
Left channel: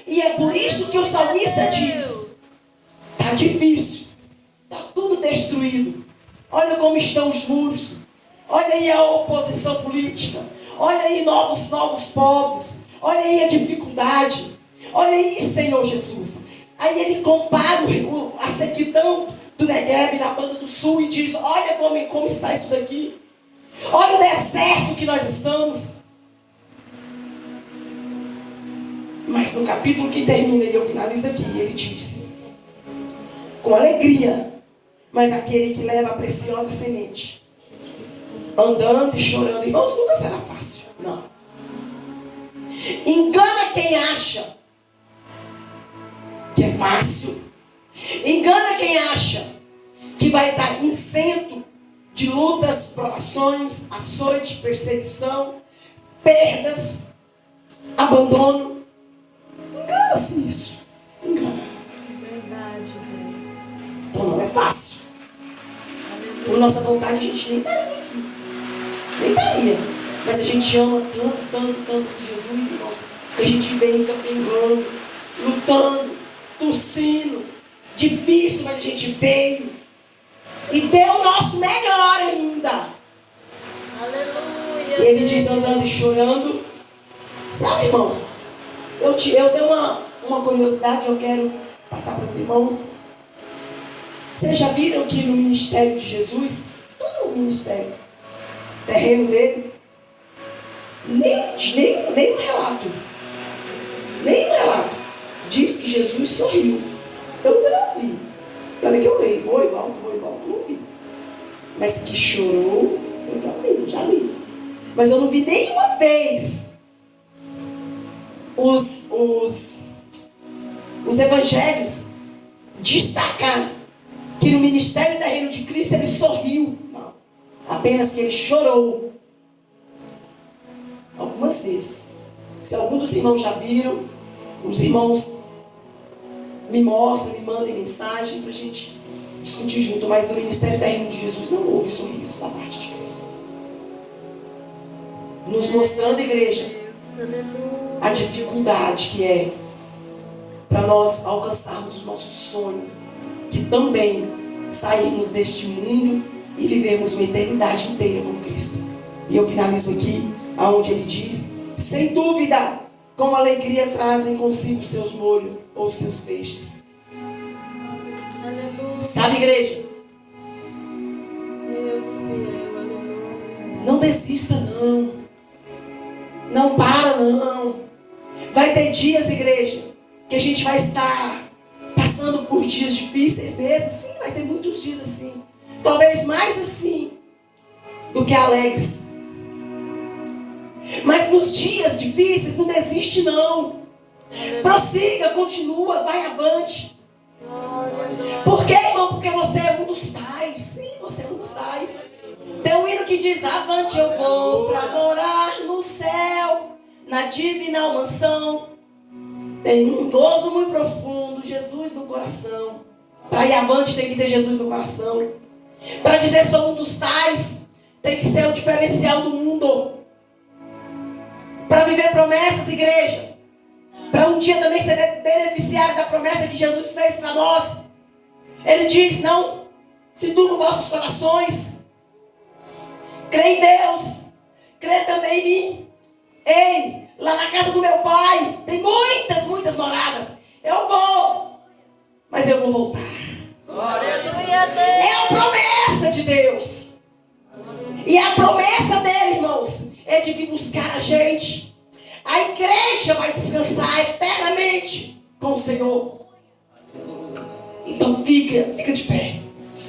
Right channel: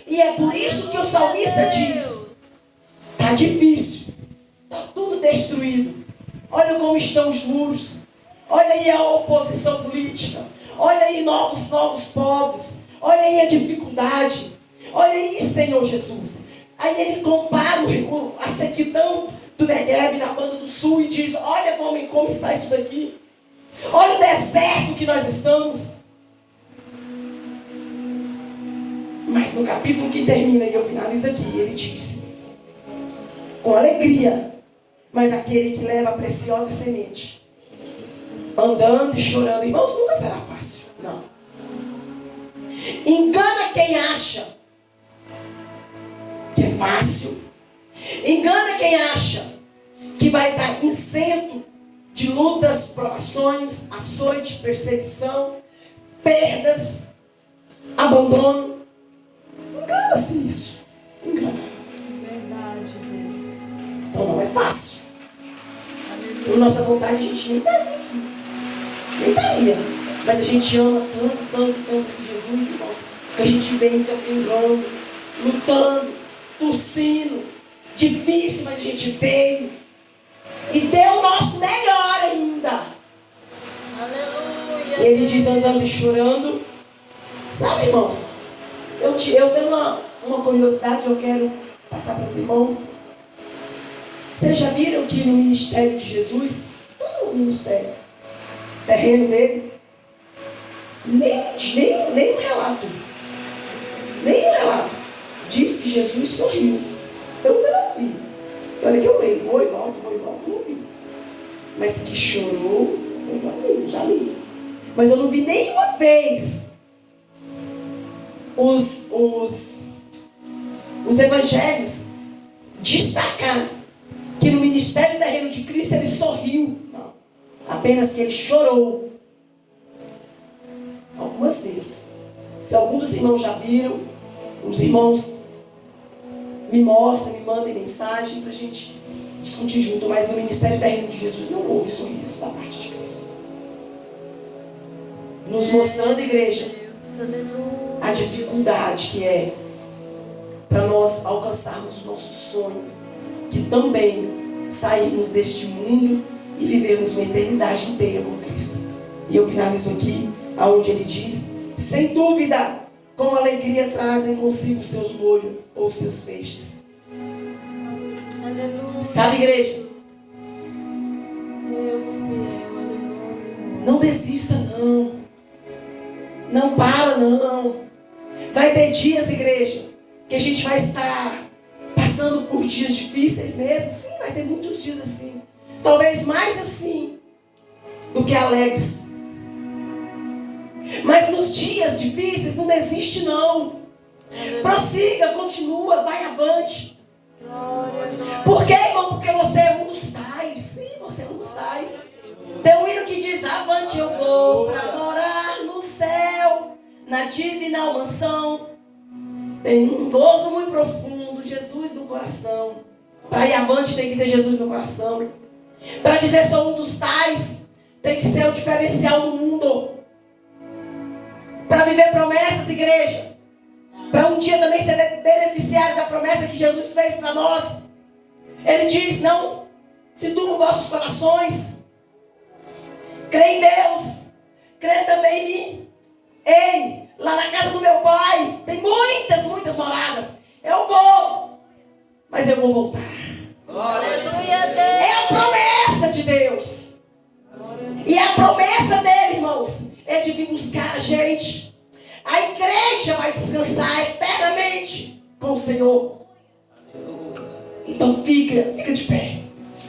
E é por isso que o salmista diz: está difícil, está tudo destruído. Olha como estão os muros. Olha aí a oposição política. Olha aí novos povos. Olha aí a dificuldade. Olha aí, Senhor Jesus. Aí ele compara a sequidão do Negueb na banda do sul e diz: olha como está isso daqui. Olha o deserto que nós estamos. Mas no capítulo que termina, e eu finalizo aqui, ele diz: com alegria, mas aquele que leva a preciosa semente, andando e chorando. Irmãos, nunca será fácil. Não. Engana quem acha que é fácil. Engana quem acha que vai estar isento de lutas, provações, açoite, perseguição, perdas, abandono. Engana-se isso. Engana. Verdade, Deus. Então não é fácil. Por nossa vontade a gente nem estaria aqui. Nem estaria. Mas a gente ama tanto esse Jesus, irmãos, que a gente vem caminhando, lutando, torcendo. Difícil, mas a gente veio. E deu o nosso melhor ainda. Aleluia. E ele diz, andando e chorando. Sabe, irmãos, eu tenho uma curiosidade, eu quero passar para os irmãos. Vocês já viram que no ministério de Jesus, todo o ministério terreno dele, nem um relato diz que Jesus sorriu. Eu ainda não vi. E olha que eu leio, vou volto, não vi. Mas que chorou, eu já li. Mas eu não vi nenhuma vez os evangelhos destacar que no ministério terreno de Cristo ele sorriu. Não. Apenas que ele chorou. Algumas vezes. Se algum dos irmãos já viram, os irmãos me mostram, me mandem mensagem para a gente discutir junto. Mas no ministério terreno de Jesus não houve sorriso da parte de Cristo. Nos mostrando, igreja, a dificuldade que é para nós alcançarmos o nosso sonho, que também sairmos deste mundo e vivermos uma eternidade inteira com Cristo. E eu finalizo aqui, aonde ele diz: sem dúvida, com alegria trazem consigo seus molhos ou seus feixes. Aleluia. Sabe, igreja? Deus fiel, aleluia. Não desista, não. Não para, não. Vai ter dias, igreja, que a gente vai estar passando por dias difíceis mesmo. Sim, vai ter muitos dias assim. Talvez mais assim do que alegres. Mas nos dias difíceis, não desiste não. Prossiga, continua, vai avante. Glória, glória. Por quê, irmão? Porque você é um dos tais. Sim, você é um dos tais. Tem um hino que diz: avante eu vou para morar no céu, na divina mansão. Tem um gozo muito profundo, Jesus no coração. Para ir avante tem que ter Jesus no coração. Para dizer sou um dos tais, tem que ser o diferencial do mundo. Para viver promessas, igreja. Para um dia também ser beneficiário da promessa que Jesus fez para nós. Ele diz: não se turmam vossos corações. Crê em Deus. Crê também em mim. Ei, lá na casa do meu pai tem muitas moradas. Eu vou, mas eu vou voltar. Aleluia, Deus. É a promessa de Deus. E a promessa dele, irmãos, é de vir buscar a gente. A igreja vai descansar eternamente com o Senhor. Então fica de pé.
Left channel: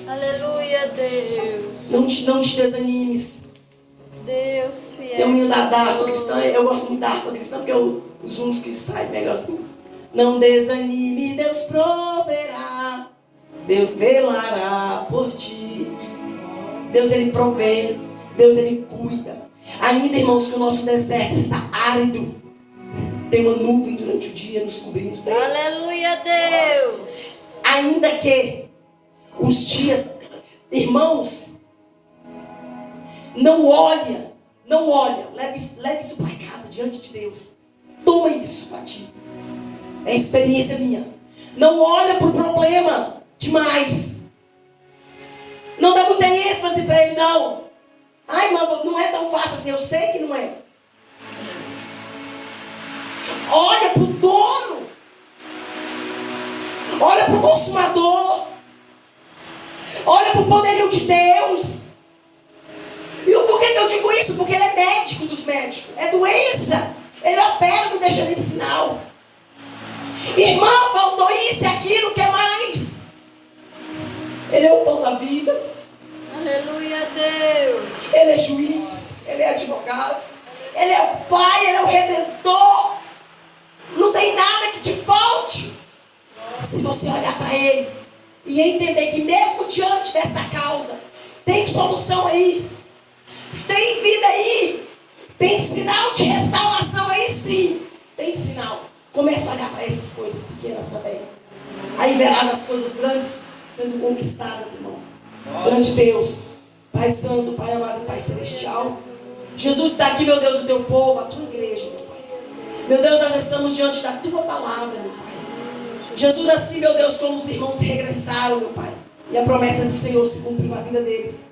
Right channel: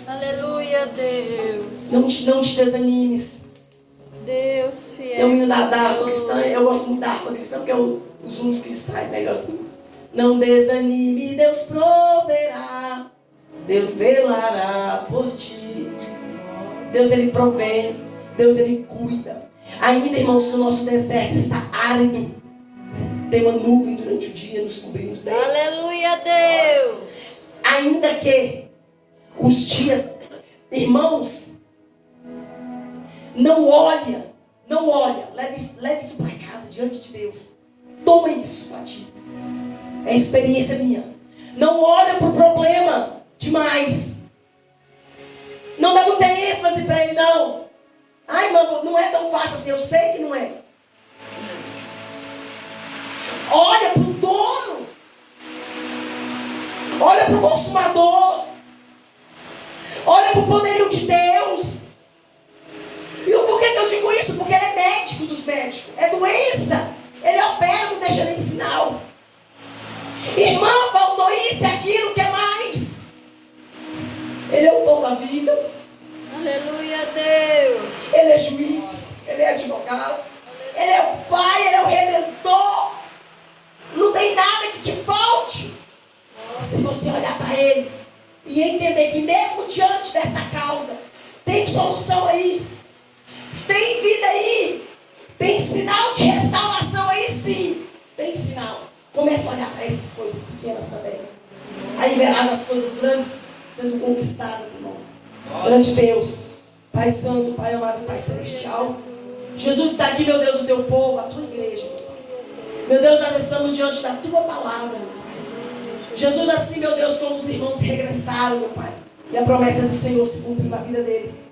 Aleluia, Deus. Não te desanimes. Deus fiel. Tem um menino da harpa cristã, eu gosto muito da harpa cristã, porque os uns que saem melhor assim. Não desanime, Deus proverá. Deus velará por ti. Deus, ele provém. Deus, ele cuida. Ainda, irmãos, que o nosso deserto está árido. Tem uma nuvem durante o dia nos cobrindo dele. Aleluia, Deus. Ainda que os dias, irmãos, não olha, leve isso para casa, diante de Deus. Toma isso para ti. É experiência minha. Não olha para o problema demais. Não dá muita ênfase para ele, não. Ai, mano, não é tão fácil assim, eu sei que não é. Olha para o dono. Olha para o consumador. Olha para o poderio de Deus. E o porquê que eu digo isso? Porque ele é médico dos médicos. É doença. Ele opera, não deixa nem sinal. Irmã, faltou isso e aquilo, o que mais? Ele é o pão da vida. Aleluia, Deus. Ele é juiz. Ele é advogado. Ele é o pai, ele é o redentor. Não tem nada que te falte. Se você olhar para ele e entender que mesmo diante desta causa, tem solução aí. Tem vida aí. Tem sinal de restauração aí, sim. Tem sinal. Começa a olhar para essas coisas pequenas também. Aí verás as coisas grandes sendo conquistadas, irmãos. Grande Deus, Pai Santo, Pai amado, Pai Celestial. Jesus está aqui, meu Deus, o teu povo, a tua igreja, meu Pai. Meu Deus, nós estamos diante da tua palavra, meu Pai. Jesus, assim, meu Deus, como os irmãos regressaram, meu Pai. E a promessa do Senhor se cumpriu na vida deles.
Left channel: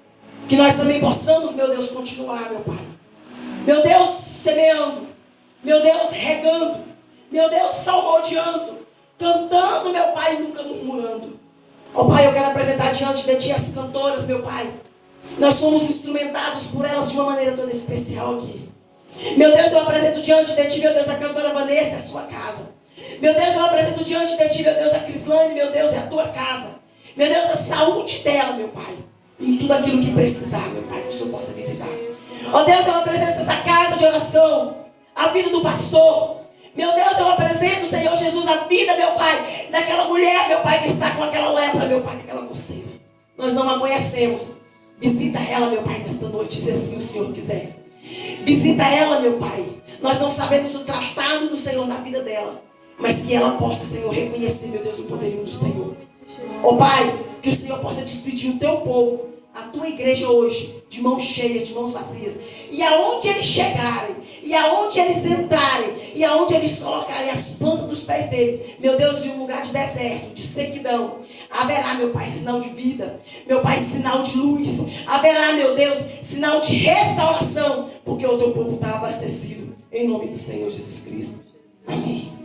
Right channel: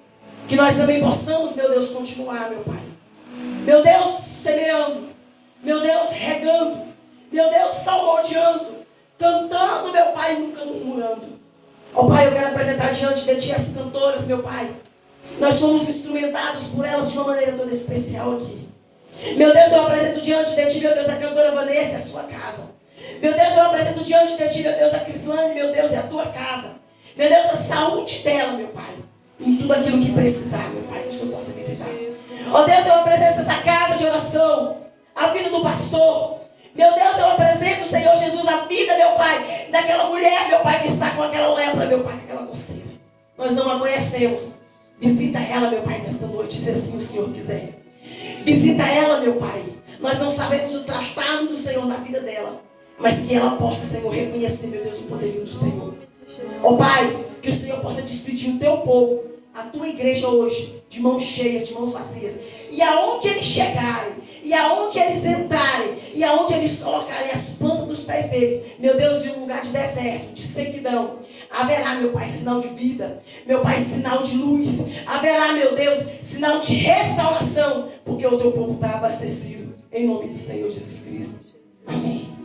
Que nós também possamos, meu Deus, continuar, meu Pai. Meu Deus, semeando. Meu Deus, regando. Meu Deus, salmodiando. Cantando, meu Pai, nunca murmurando. Ó Pai, eu quero apresentar diante de Ti as cantoras, meu Pai. Nós somos instrumentados por elas de uma maneira toda especial aqui. Meu Deus, eu apresento diante de Ti, meu Deus, a cantora Vanessa e a sua casa. Meu Deus, eu apresento diante de Ti, meu Deus, a Crislane, meu Deus, e a tua casa. Meu Deus, a saúde dela, meu Pai. E tudo aquilo que precisar, meu Pai, que o Senhor possa visitar. Ó Deus, eu apresento essa casa de oração, a vida do pastor. Meu Deus, eu apresento, Senhor Jesus, a vida, meu Pai, daquela mulher, meu Pai, que está com aquela lepra, meu Pai, com aquela coceira. Nós não a conhecemos. Visita ela, meu Pai, nesta noite, se assim o Senhor quiser. Visita ela, meu Pai. Nós não sabemos o tratado do Senhor na vida dela, mas que ela possa, Senhor, reconhecer, meu Deus, o poderio do Senhor. Ó Pai, que o Senhor possa despedir o teu povo, a tua igreja hoje, de mãos cheias, de mãos vazias. E aonde eles chegarem, e aonde eles entrarem, e aonde eles colocarem as plantas dos pés dele, meu Deus, em um lugar de deserto, de sequidão, haverá, meu Pai, sinal de vida. Meu Pai, sinal de luz. Haverá, meu Deus, sinal de restauração, porque o teu povo está abastecido. Em nome do Senhor Jesus Cristo. Amém.